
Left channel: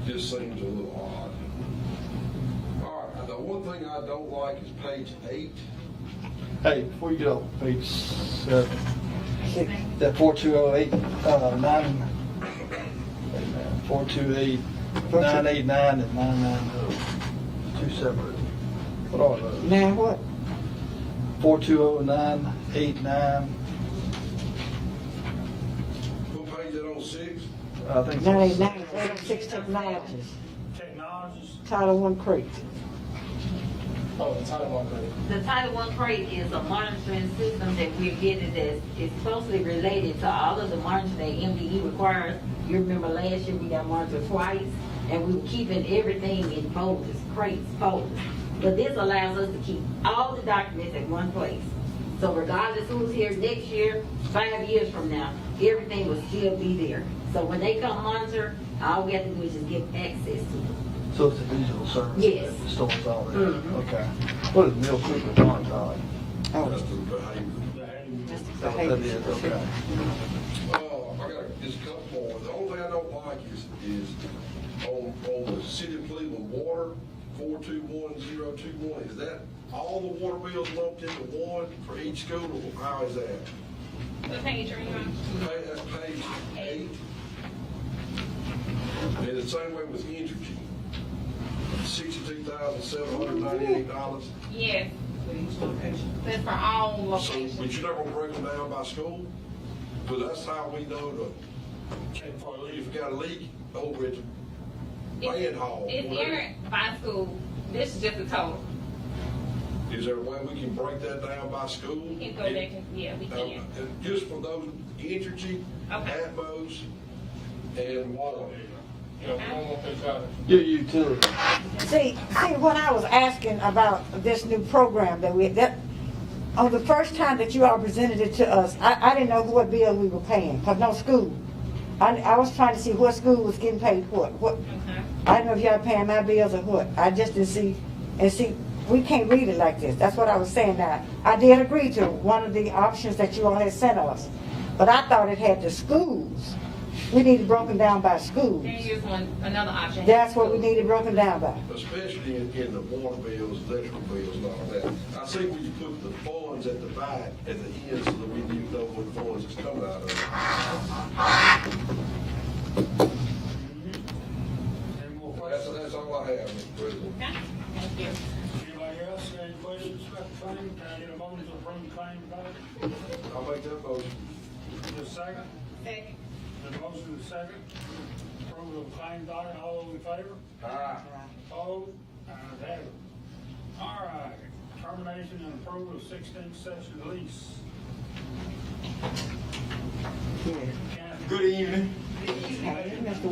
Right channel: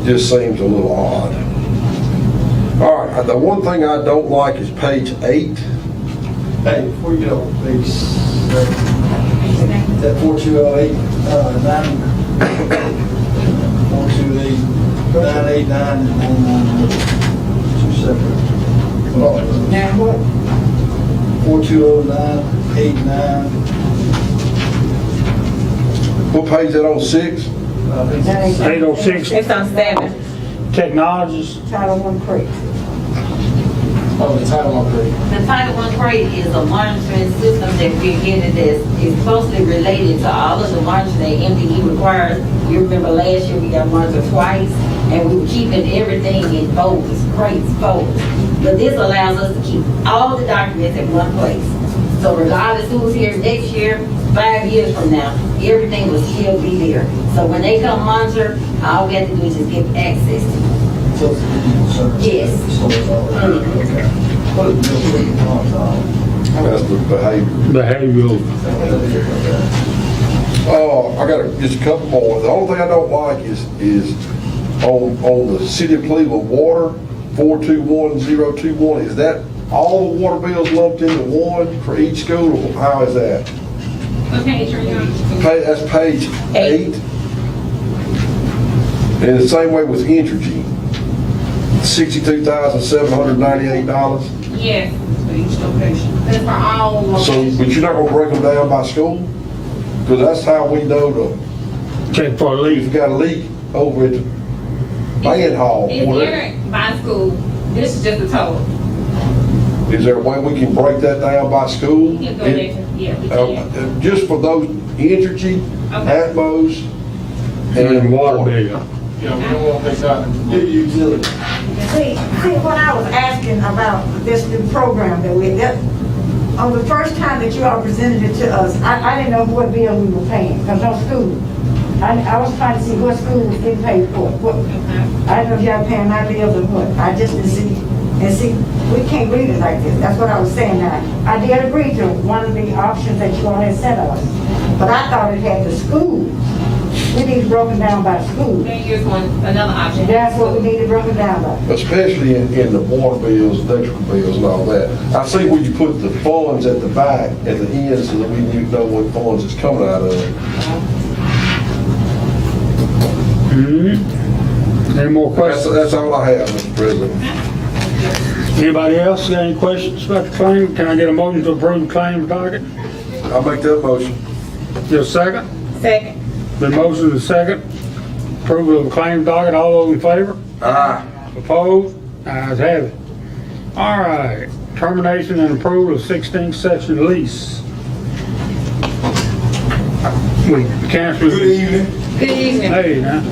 just seems a little odd. All right, the one thing I don't like is page 8. Hey, before you get on page 7, that 4208, 428, 989, and 990, 2 separate. Now what? 4209, 89. What page is that on, 6? 806 It's on 7. Technologies. Title I crate. Oh, the Title I grade. The Title I grade is a monitoring system that we're getting that is closely related to all of the monitoring that MDE requires. You remember last year we got monitored twice, and we were keeping everything in folders, crates, folders. But this allows us to keep all the documents in one place. So regardless who's here next year, 5 years from now, everything will still be there. So when they come monitor, all we have to do is just give access to it. Yes. What is the That's the Behavioral. I got just a couple more. The only thing I don't like is on the City of Cleveland water, 421021, is that all the water bills lumped into one for each school, or how is that? What page are you on? That's page 8. And the same way with Entergy, $62,798. Yes, For each location. that's for all So, locations. but you're not gonna break them down by school? Because that's how we know Check for a if leak. you got a leak over at the band hall. It's whatever. entered by school. This is just the total. Is there a way we can break that down by school? You can go there, yeah, we can. Just for those Entergy, Okay. Atmos, And water bill. Yeah, we don't want to pay something. Your utility. See, when I was asking about this new program on the first time that you all presented it to us, I didn't know what bill we were paying, because no school. I was trying to see what school was getting paid for. I didn't know if y'all paying my bills or what. I just didn't see. And see, we can't read it like this. That's what I was saying now. I did agree to one of the options that you all had sent us, but I thought it had the schools. We need it broken down by school. Then here's another option. That's what we need it broken down by. especially in the water bills, electrical bills and all that. I see where you put the funds at the back, at the end, so that we know what funds it's coming out of. Any more questions? That's all I have, Mr. President. Anybody else got any questions about the claim? Can I get a motion to approve the claim docket? I'll make that motion. Your second? Second. Been motion and second. Approval of the claim docket. All those in favor? Aye. Opposed? Ayes have it. All right. Termination and approval of 16th section lease. We canceled. Good evening. Good evening. Hey, now.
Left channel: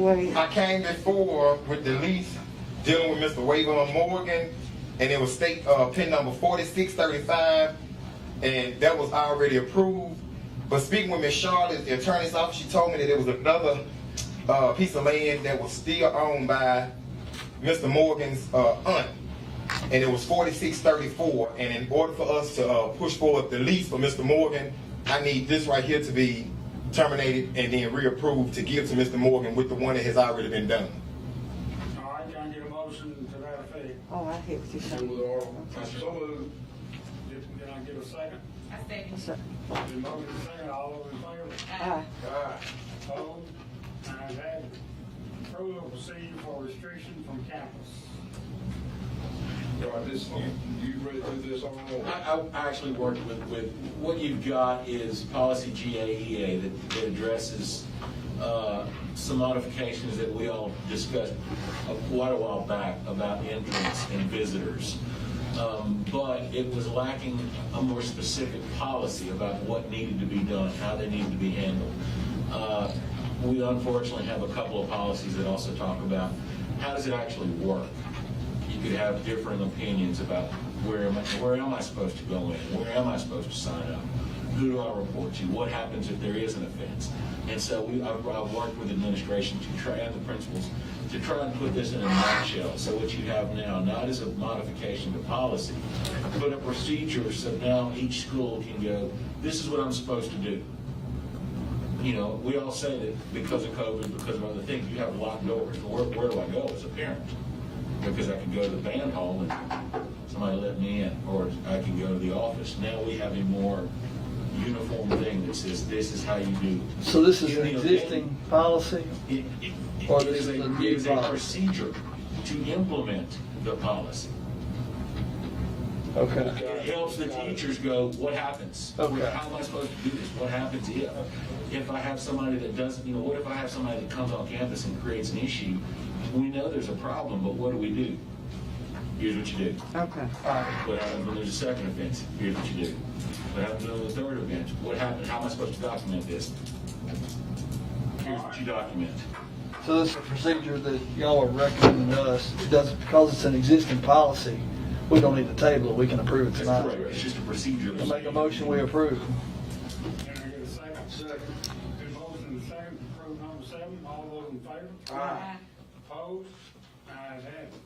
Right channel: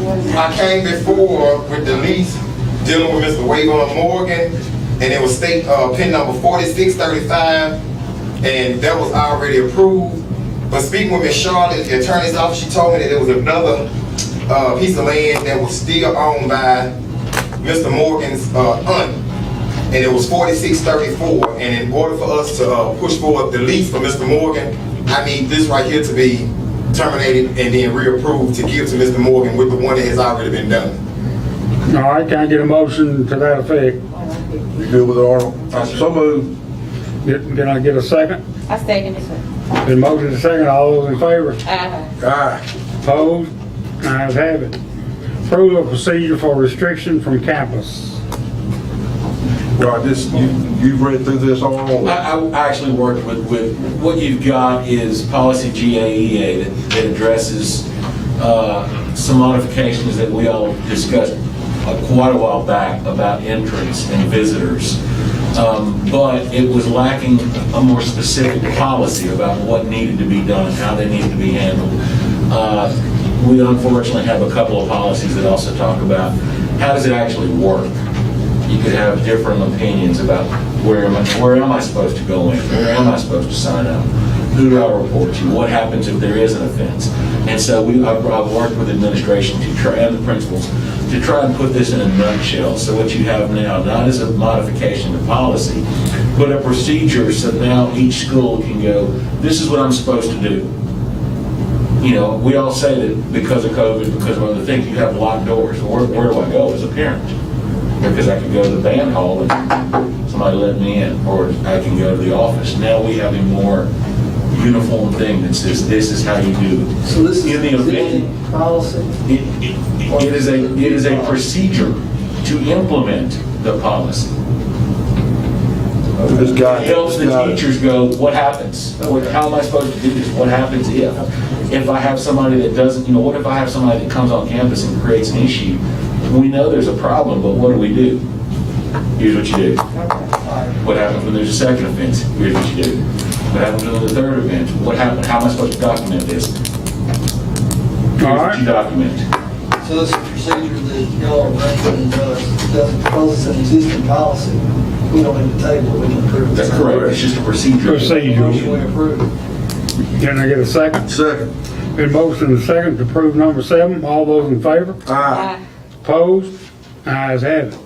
I came before with the lease dealing with Mr. Wayvon Morgan, and it was state pin number 4635, and that was already approved. But speaking with Ms. Charlotte, the attorney's office, she told me that there was another piece of land that was still owned by Mr. Morgan's aunt, and it was 4634. And in order for us to push forward the lease for Mr. Morgan, I need this right here to be terminated and then reapproved to give to Mr. Morgan with the one that has already been done. All right, can I get a motion to that effect? You good with it, Arnold? So moved. Can I get a second? I second it, sir. Been motion and second. All those in favor? Aye. Aye. Opposed? Ayes have it. Approval of procedure for restriction from campus. Right, you've read through this, Arnold? I actually worked with what you've got is policy GAEA that addresses some modifications that we all discussed quite a while back about entrance and visitors. But it was lacking a more specific policy about what needed to be done and how they needed to be handled. We unfortunately have a couple of policies that also talk about how does it actually work. You could have different opinions about where am I supposed to go in? Where am I supposed to sign up? Who do I report to? What happens if there is an offense? And so I've worked with administration to try, and the principals to try and put this in a nutshell. So what you have now, not as a modification to policy, but a procedure so now each school can go, this is what I'm supposed to do. You know, we all say that because of COVID, because of other things, you have locked doors. Where do I go as a parent? Because I could go to the band hall and somebody let me in, or I can go to the office. Now we have a more uniform thing that says this is how you do. So this is In the event- existing policy? It is a procedure to implement the policy. This guy. It helps the teachers go, what happens? How am I supposed to do this? What happens if I have somebody that doesn't, what if I have somebody that comes on campus and creates an issue? We know there's a problem, but what do we do? Here's what you do. What happens when there's a second offense? Here's what you do. What happens when there's a third offense? What happens? How am I supposed to document this? Here's what you document. So this is a procedure that y'all are bringing to us, doesn't, because it's an existing policy, we don't need to table it, we can approve it. That's correct. It's just a procedure. Motion we approve. Can I get a second? Second. Been motion and second to approve number 7. All those in favor? Aye. Opposed? Ayes have it.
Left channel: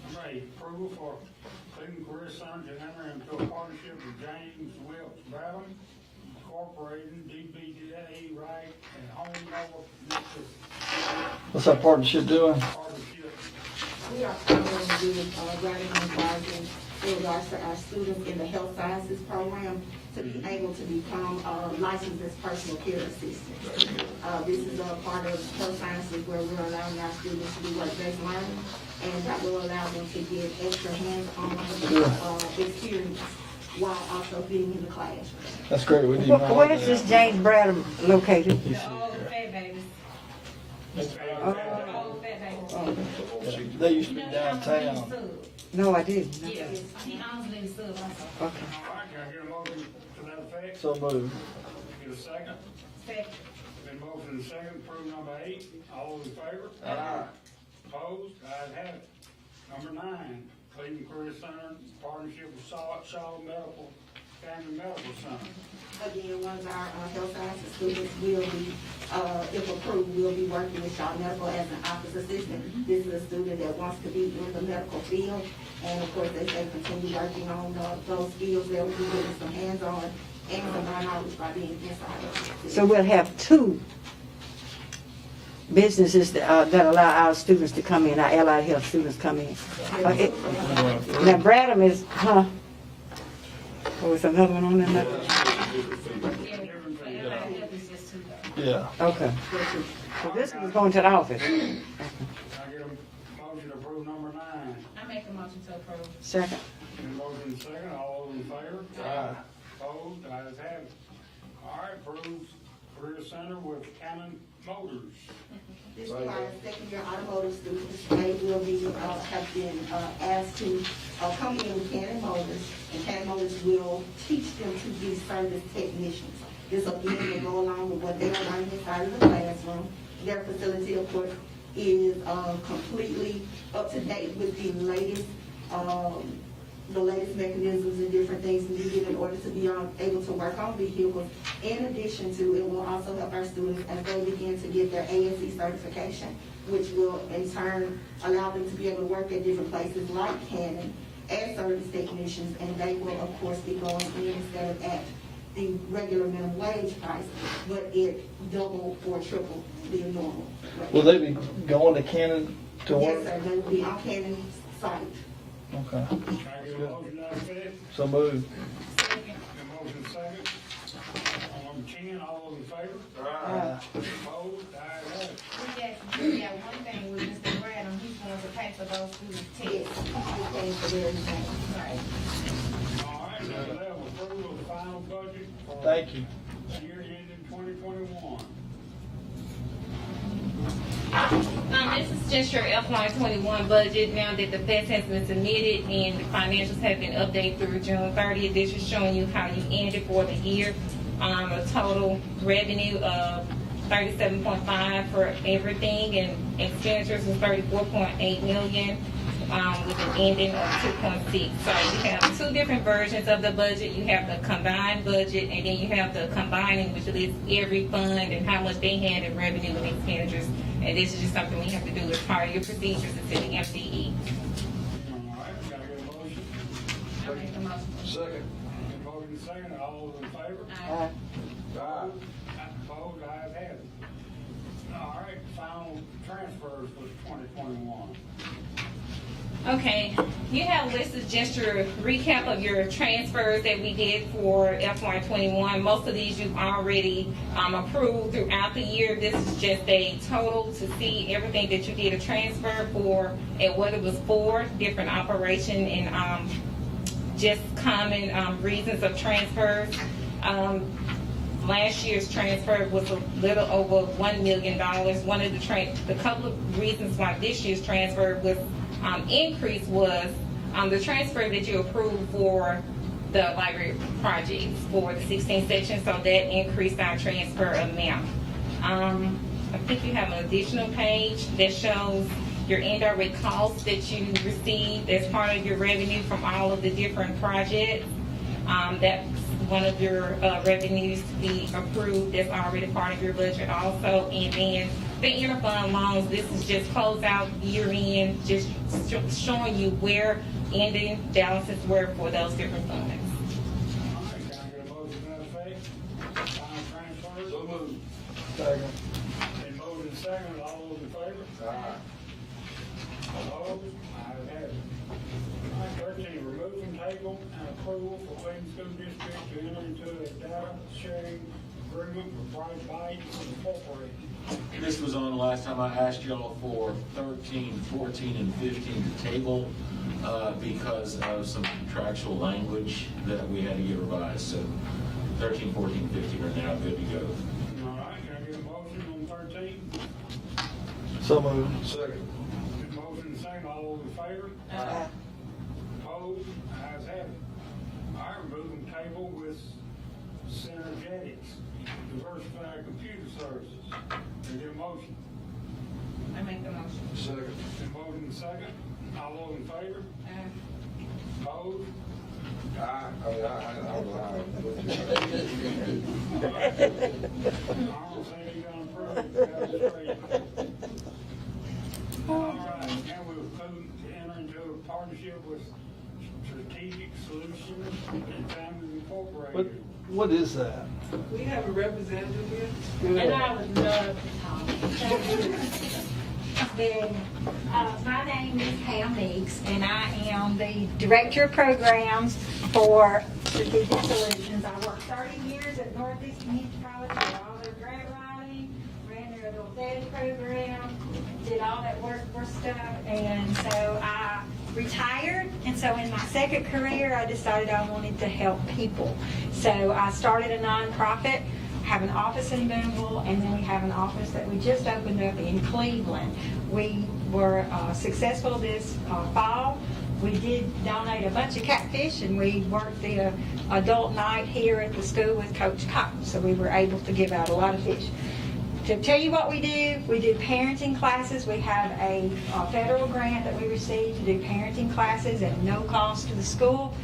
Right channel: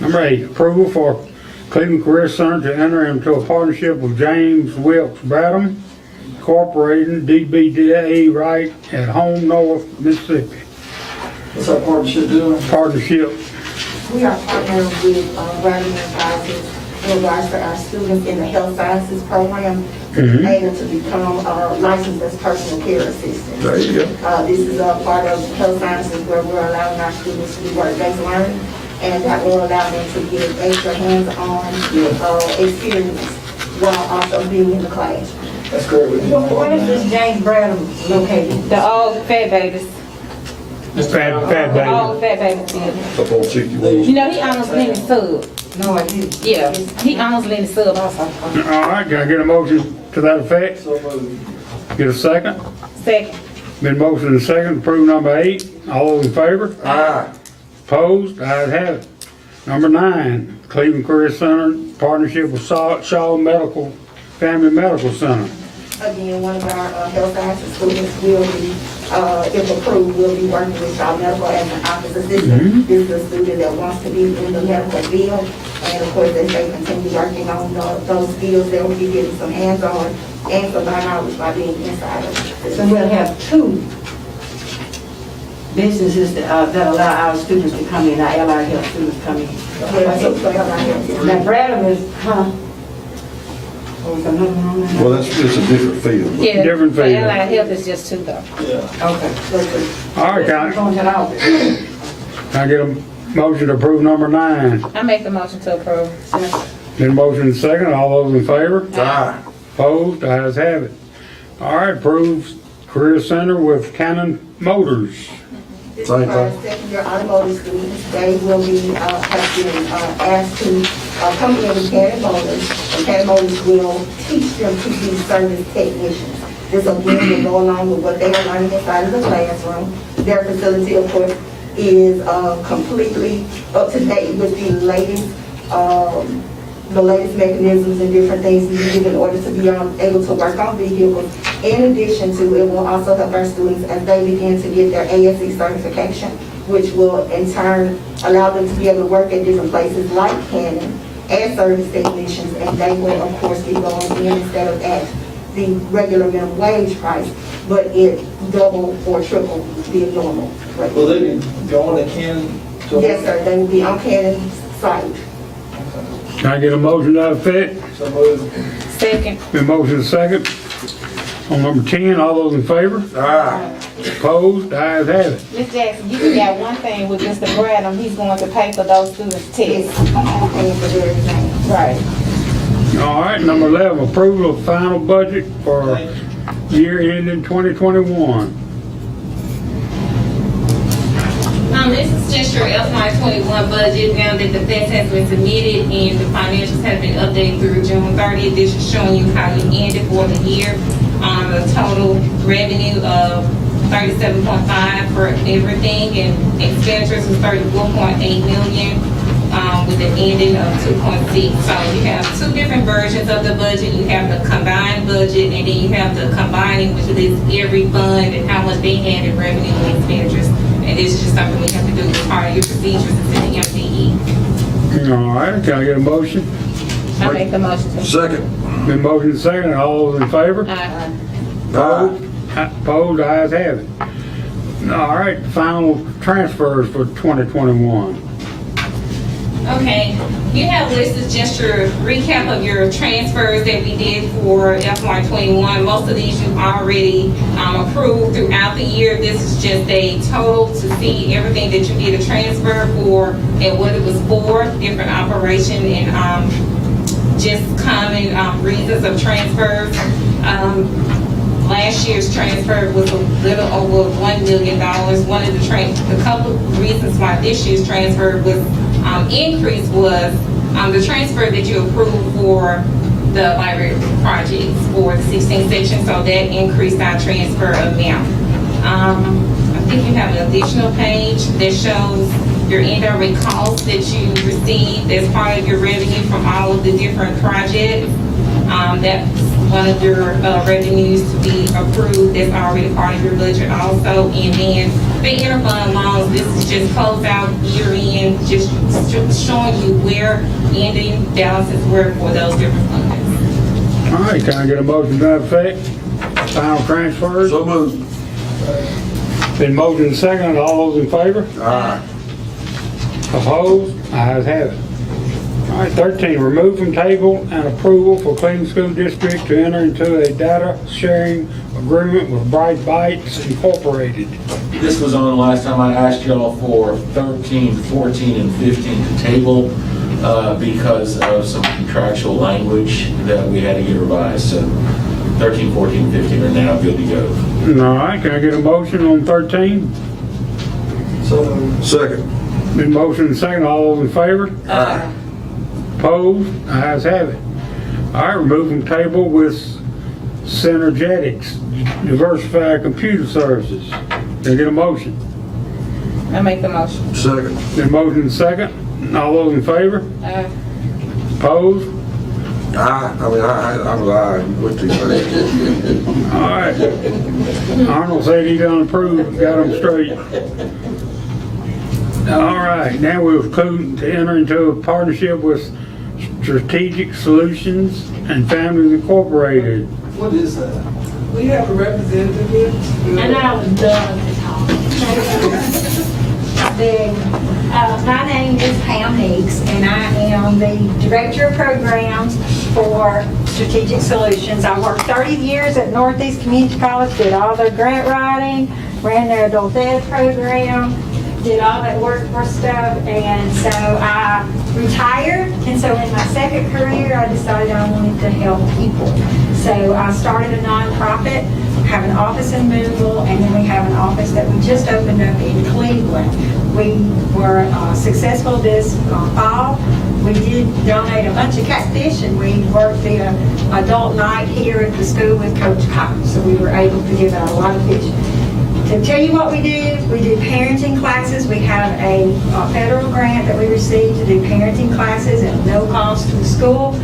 Number 8, approval for Cleveland Career Center to enter into a partnership with James Wilkes Bradham Incorporated, DBA Right at Home North, Mississippi. What's our partnership doing? Partnership We are partnering with Brandon Enterprises in regards to our students in the health sciences program to be able to become licensed as personal care assistants. There you go. This is a part of health sciences where we're allowing our students to do work-based learning, and that will allow them to get extra hands-on experience while also being in the class. That's great. Where is this James Bradham located? The old fat babies. Fat The old baby. fat babies building. Up on 61. You know, he almost let me sub. No, I didn't. Yeah, he almost let me sub also. All right, can I get a motion to that effect? So moved. Get a second? Second. Been motion and second, approve number 8. All those in favor? Aye. Opposed? Ayes have it. Number 9, Cleveland Career Center, partnership with Shaw Medical, Family Medical Center. Again, one of our health sciences students will be, if approved, will be working with Shaw Medical as an office assistant. This is a student that wants to be in the medical field, and of course, as they continue working on those fields, they will be getting some hands-on and some knowledge by being inside of it. So we'll have 2 businesses that allow our students to come in, our allied health students come in. Now Bradham is, was another one on that? Well, it's a different field. Yeah, Different for field. allied health is just 2 though. Yeah. Okay. All right, can Going to the office. I get a motion to approve number 9? I make the motion to approve. Been motion and second, all those in favor? Aye. Opposed? Ayes have it. All right, approve Career Center with Cannon Motors. This Same is our thing. second-year automotive students. They will be, have been asked to come in with Cannon Motors, and Cannon Motors will teach them to be service technicians. This again will go along with what they are learning inside of the classroom. Their facility, of course, is completely up to date with the latest mechanisms and different things needed in order to be able to work on vehicles. In addition to, it will also help our students as they begin to get their ASE certification, which will in turn allow them to be able to work at different places like Canon as service technicians, and they will of course be going in instead of at the regular minimum wage price, but it double or triple the normal rate. Will they be going to Canton? Yes, sir, they will be on Canon's site. Can I get a motion to that effect? So moved. Second. Been motion and second. On number 10, all those in favor? Aye. Opposed? Ayes have it. Ms. Jackson, you got one thing with Mr. Bradham, he's going to pay for those students' tests. Paying for their exam. Right. All right, number 11, approval of final budget for year ending 2021. This is just your FY21 budget now that the FES has been submitted and the financials have been updated through June 30th. This is showing you how you ended for the year. The total revenue of 37.5 for everything, and expenditures was 34.8 million with an ending of 2.6. So you have 2 different versions of the budget. You have the combined budget, and then you have the combining, which lists every fund and how much they had in revenue and expenditures. And this is just something we have to do as part of your procedures in the MDE. All right, can I get a motion? I make the motion to. Second. Been motion and second, all those in favor? Aye. Opposed? Opposed? Ayes have it. All right, final transfers for 2021. Okay, you have listed just your recap of your transfers that we did for FY21. Most of these you've already approved throughout the year. This is just a total to see everything that you did a transfer for and what it was for, different operation and just common reasons of transfers. Last year's transfer was a little over $1 million. One of the couple of reasons why this year's transfer was increase was the transfer that you approved for the library projects for the 16 sections, so that increased our transfer amount. I think you have an additional page that shows your indirect costs that you received as part of your revenue from all of the different projects. That's one of your revenues to be approved. That's already part of your budget also. And then the interfund loans, this is just closed out year end, just showing you where ending balances were for those different funds. All right, can I get a motion to that effect? Final transfers? So moved. Been motion and second, all those in favor? Aye. Opposed? Ayes have it. All right, 13, remove from table and approval for Cleveland School District to enter into a data sharing agreement with Bright Bites Incorporated. This was on last time I asked y'all for 13, 14, and 15 to table because of some contractual language that we had to get revised. So 13, 14, 15 are now good to go. All right, can I get a motion on 13? So moved. Second. Been motion and second, all those in favor? Aye. Opposed? Ayes have it. All right, remove from table with Synergetics, Diversified Computer Services. Can I get a motion? I make the motion. Second. Been motion and second, all those in favor? Opposed? I was aye with these things. All right. Arnold said he done approved, got them straight. All right, now we'll conclude to enter into a partnership with Strategic Solutions and Families Incorporated. What is that? We have a representative here. And I would love to talk. My name is Pam Meeks, and I am the Director of Programs for Strategic Solutions. I worked 30 years at Northeast Community College, did all their grant writing, ran their adult ed program, did all that workforce stuff, and so I retired, and so in my second career, I decided I wanted to help people. So I started a nonprofit, have an office in Boonville, and then we have an office that we just opened up in Cleveland. We were successful this fall. We did donate a bunch of catfish, and we worked the adult night here at the school with Coach Cotton, so we were able to give out a lot of fish. To tell you what we do parenting classes. We have a federal grant that we received to do parenting classes at no cost to the school.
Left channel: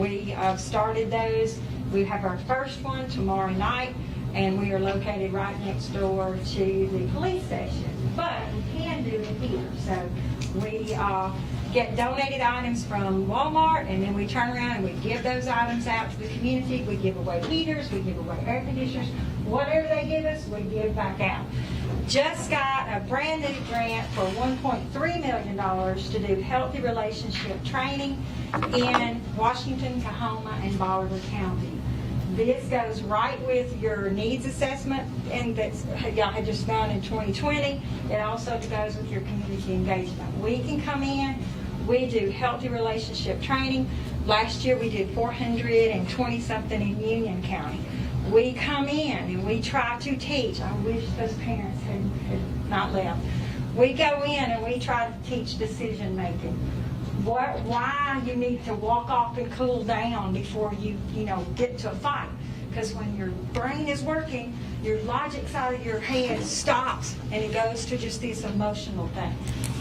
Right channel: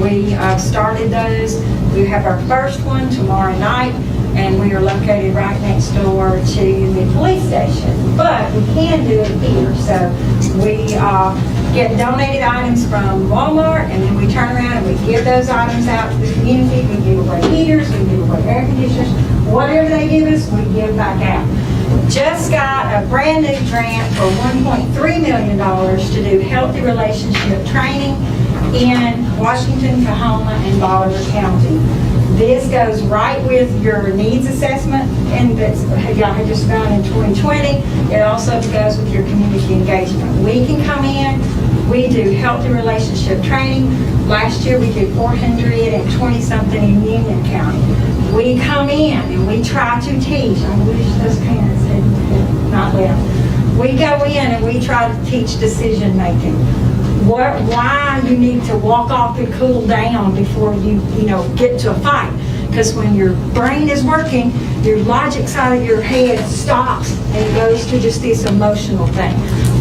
We started those. We have our first one tomorrow night, and we are located right next door to the police station. But we can do it here. So we get donated items from Walmart, and then we turn around and we give those items out to the community. We give away heaters, we give away air conditioners. Whatever they give us, we give back out. Just got a brand new grant for $1.3 million to do healthy relationship training in Washington, Kahoma, and Bolivar County. This goes right with your needs assessment, and that's y'all had just done in 2020. It also goes with your community engagement. We can come in, we do healthy relationship training. Last year we did 420-something in Union County. We come in and we try to teach. I wish those parents had not left. We go in and we try to teach decision making. Why you need to walk off and cool down before you get to a fight. Because when your brain is working, your logic side of your head stops and it goes to just this emotional thing.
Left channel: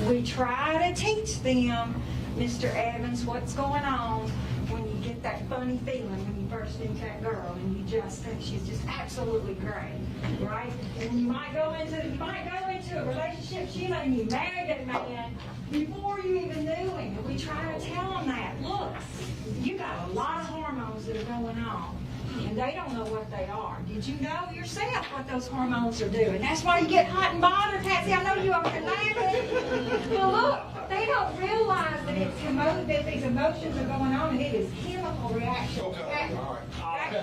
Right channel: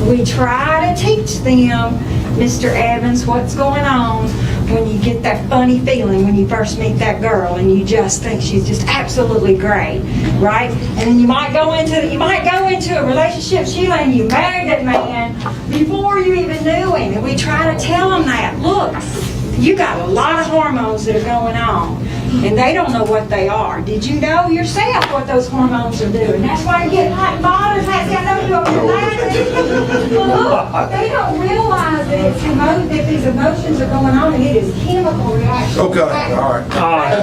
We try to teach them, Mr. Evans, what's going on when you get that funny feeling when you first meet that girl and you just think she's just absolutely great, right? And then you might go into a relationship, Sheila, and you married that man before you even knew him. And we try to tell them that, look, you got a lot of hormones that are going on, and they don't know what they are. Did you know yourself what those hormones are doing? That's why you get hot and bothered. I know you over there. Well, look, they don't realize that these emotions are going on, and it is chemical reaction. Okay, all right.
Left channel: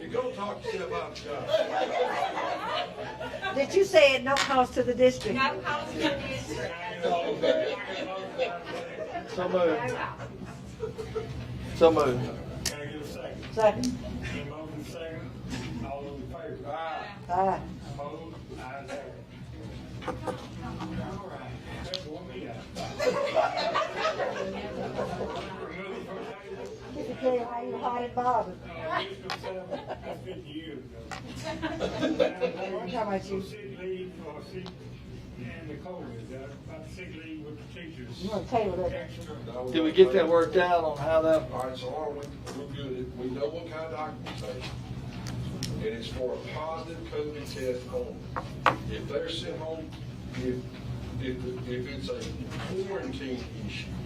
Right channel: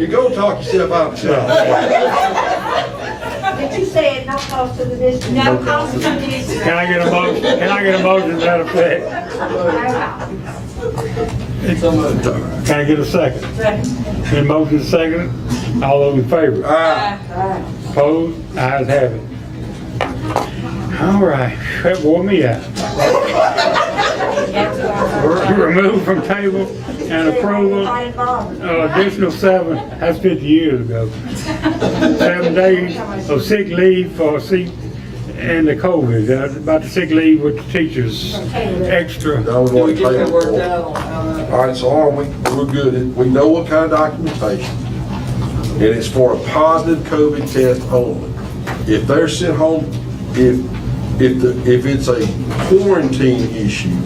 You go talk yourself out of But you said no cost to the district. No cost to the district. Can I get a motion? Can I get a motion to that effect? Can I get a second? Second. Been motion second. All those in favor? Aye. Opposed? Ayes have it. All right, that wore me out. Remove from table and approval, additional 7, that's 50 years ago. 7 days of sick leave for and the COVID, about the sick leave with the teachers, extra. We just got worked out on how that. All right, so we're good. We know what kind of documentation. And it's for a positive COVID test only. If they're sent home, if it's a quarantine issue,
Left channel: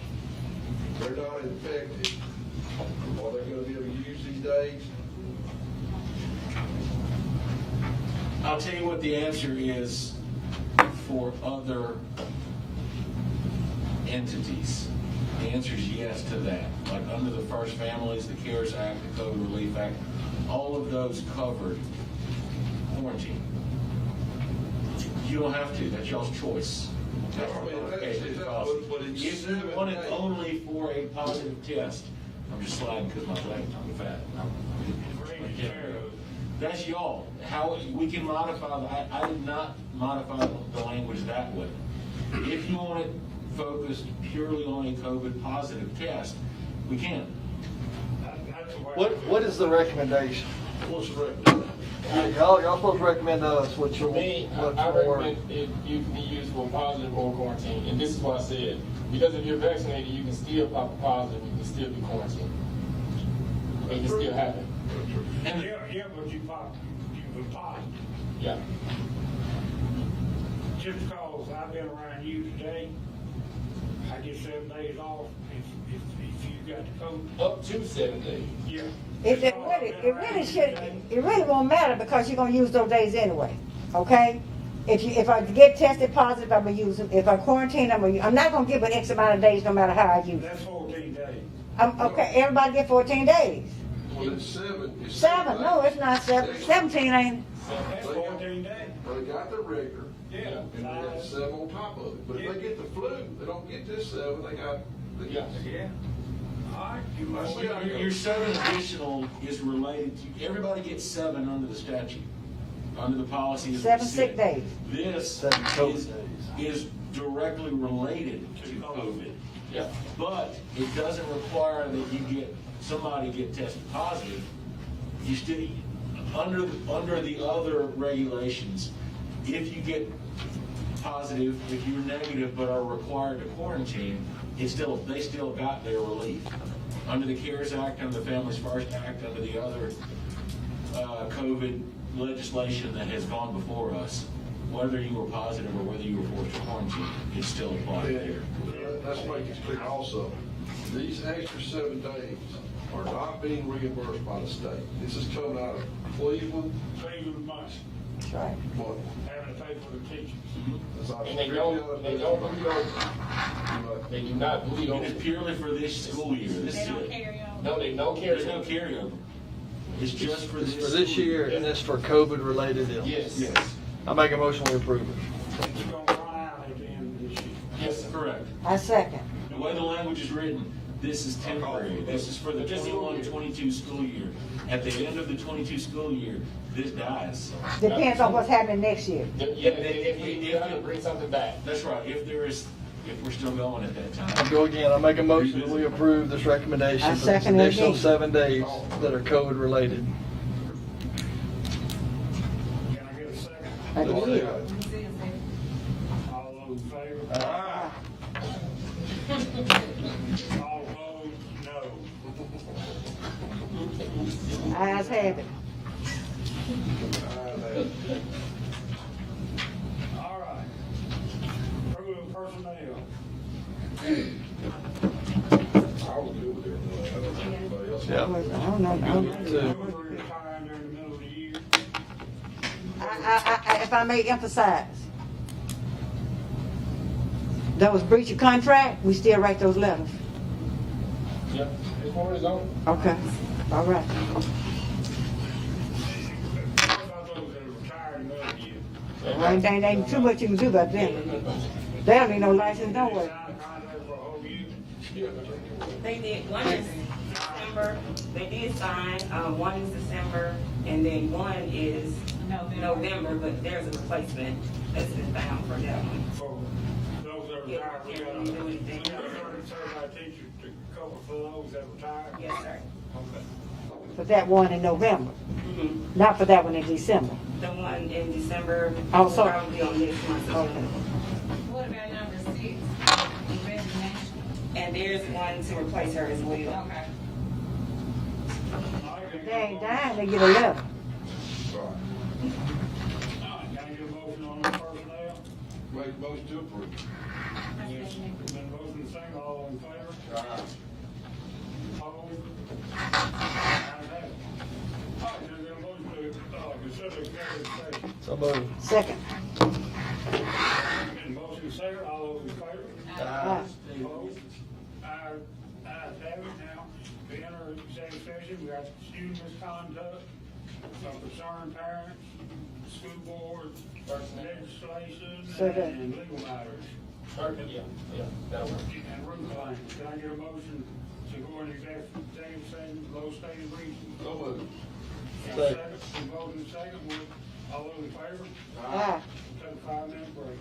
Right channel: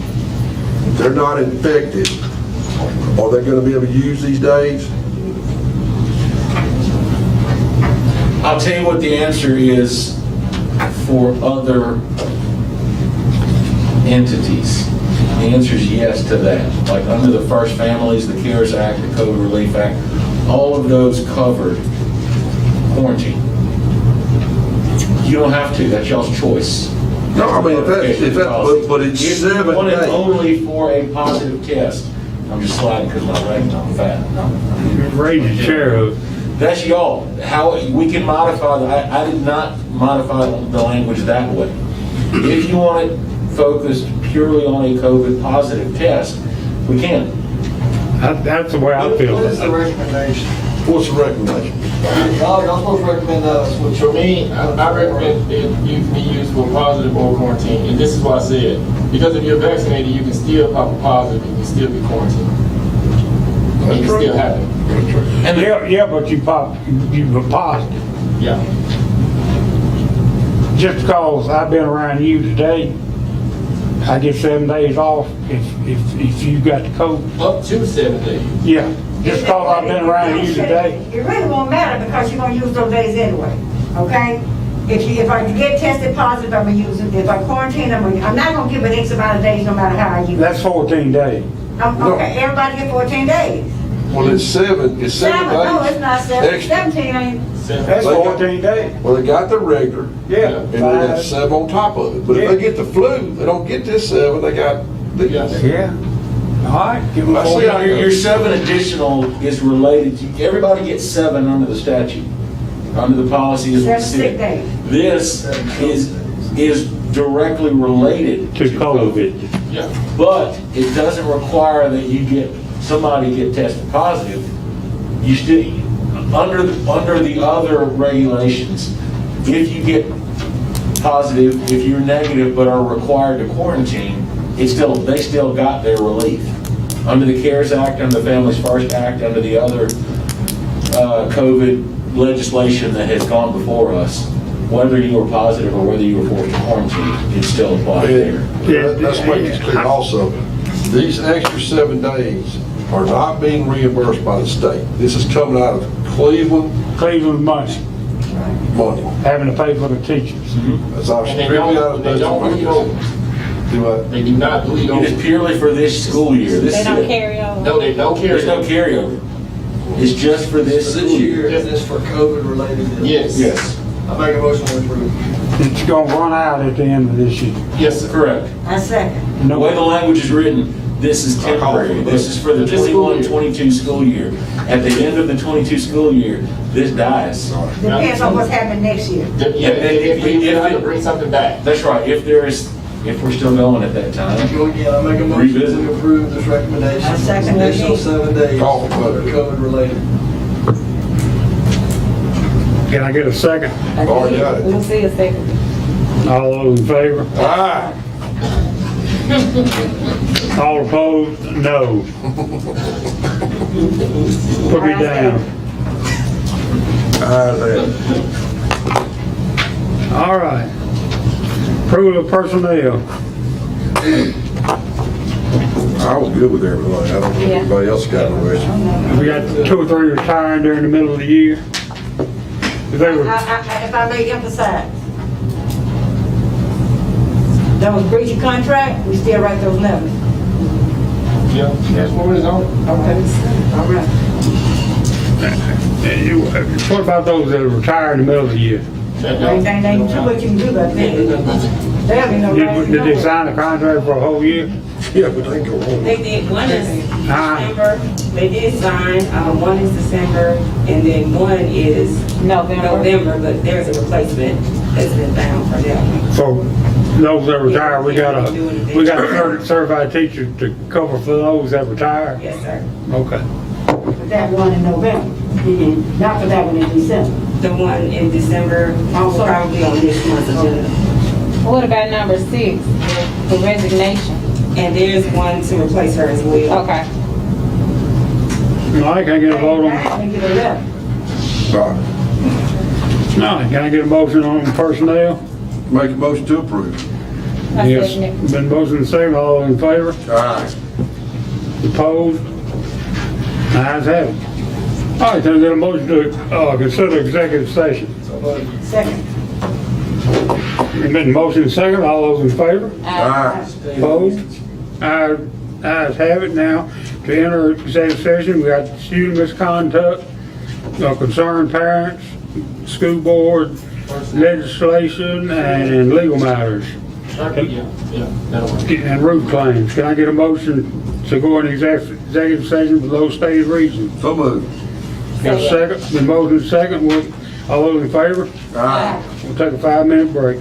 they're not infected, are they going to be able to use these days? I'll tell you what the answer is for other entities. The answer is yes to that. Like under the First Families, the CARES Act, the COVID Relief Act, all of those covered quarantine. You don't have to, that's y'all's choice. No, I mean, but it's If 7 you want it days. only for a positive test, I'm just sliding because my leg's on fat. Raise your chair up. That's y'all. How, we can modify, I did not modify the language that way. If you want it focused purely on a COVID positive test, we can. That's the way I feel. What is the recommendation? What's the recommendation? Y'all supposed to recommend us, which For me, I recommend it be used for positive or quarantine, and this is why I said, because if you're vaccinated, you can still pop a positive and you still be quarantined. It can still happen. And Yeah, but you were positive. Yeah. Just because I've been around you today, I get 7 days off if you got the COVID. Up to 7 days. Yeah, just because I've been around you today. It really won't matter because you're gonna use those days anyway, okay? If I get tested positive, I'm gonna use it. If I quarantine, I'm not gonna give it X amount of days no matter how I use it. That's 14 days. Okay, everybody get 14 days. Well, it's 7 days. No, it's not seven. Extra. 17 ain't. That's 14 days. Well, they got the regular, Yeah. and then that's 7 on top of it. But if they get the flu, they don't get this 7, they got the. Yeah. All right, give them I see 14 how Your 7 additional is related to, everybody gets 7 under the statute. Under the policy is 7 sick days. This is directly related to COVID. Yeah. but it doesn't require that somebody get tested positive. You still, under the other regulations, if you get positive, if you're negative but are required to quarantine, they still got their relief. Under the CARES Act, under the Families First Act, under the other COVID legislation that has gone before us, whether you were positive or whether you were forced to quarantine, it still applies there. Let's make this clear also. These extra 7 days are not being reimbursed by the state. This is coming out of Cleveland money, money. having to pay for the teachers. That's our And they strictly out of don't bleed over. Do what? They do not bleed It over. is purely for this school year. This They is don't it. carry over. No, they don't carry. There's no carryover. It's just for this For school this year, year. and this for COVID related? Yes. Yes. I make a motion to approve. It's gonna run out at the end of this year. Yes, correct. I second. The way the language is written, this is temporary. This is for the 21-22 school year. At the end of the 22 school year, this dies. Depends on what's happening next year. Yeah, if we have to bring something back. That's right. If we're still going at that time. Go again, I make a motion Revisit. to approve this recommendation. I second that. Additional 7 days Call that for are vote. COVID related. Can I get a second? Already got it. We'll see a second. All those in favor? Ah, All opposed? No. Put me down. All right. Approval of personnel. I was good with everybody. I don't know if anybody else got a question. We got 2 or 3 retiring during the middle of the year. If they were, If I may emphasize, those breach of contract, we still write those letters. Yeah, that's what it is on. All right. what about those that retire in the middle of the year? Ain't too much you can do about that. There'll be no right. Did they sign a contract for a whole year? Yeah, but they can go home. They did, one is December, they did sign, one is December, and then one is November, but there's a replacement that's been found for that one. For those that retire, we got a certified teacher to cover for those that retire? Yes, sir. Okay. For that one in November, not for that one in December. The one in December, also probably on this month's agenda. What about number 6, the resignation? And there's one to replace her as well. Okay. No, I can't get a vote on. I ain't get a letter. No, can I get a motion on personnel? Make a motion to approve. I Yes. second it. Been motion and second, all in favor? Aye. Opposed? Ayes have it. All right, can I get a motion to consider executive session? So Second. Been motion second, all those in favor? Aye. Opposed? Ayes have it now. To enter executive session, we got student misconduct, concerned parents, school board, legislation, and legal matters. And roof claims. Can I get a motion to go into executive session for those stated reasons? So moved. Got a second? The motion second. All those in favor? Aye. We'll take a 5-minute break.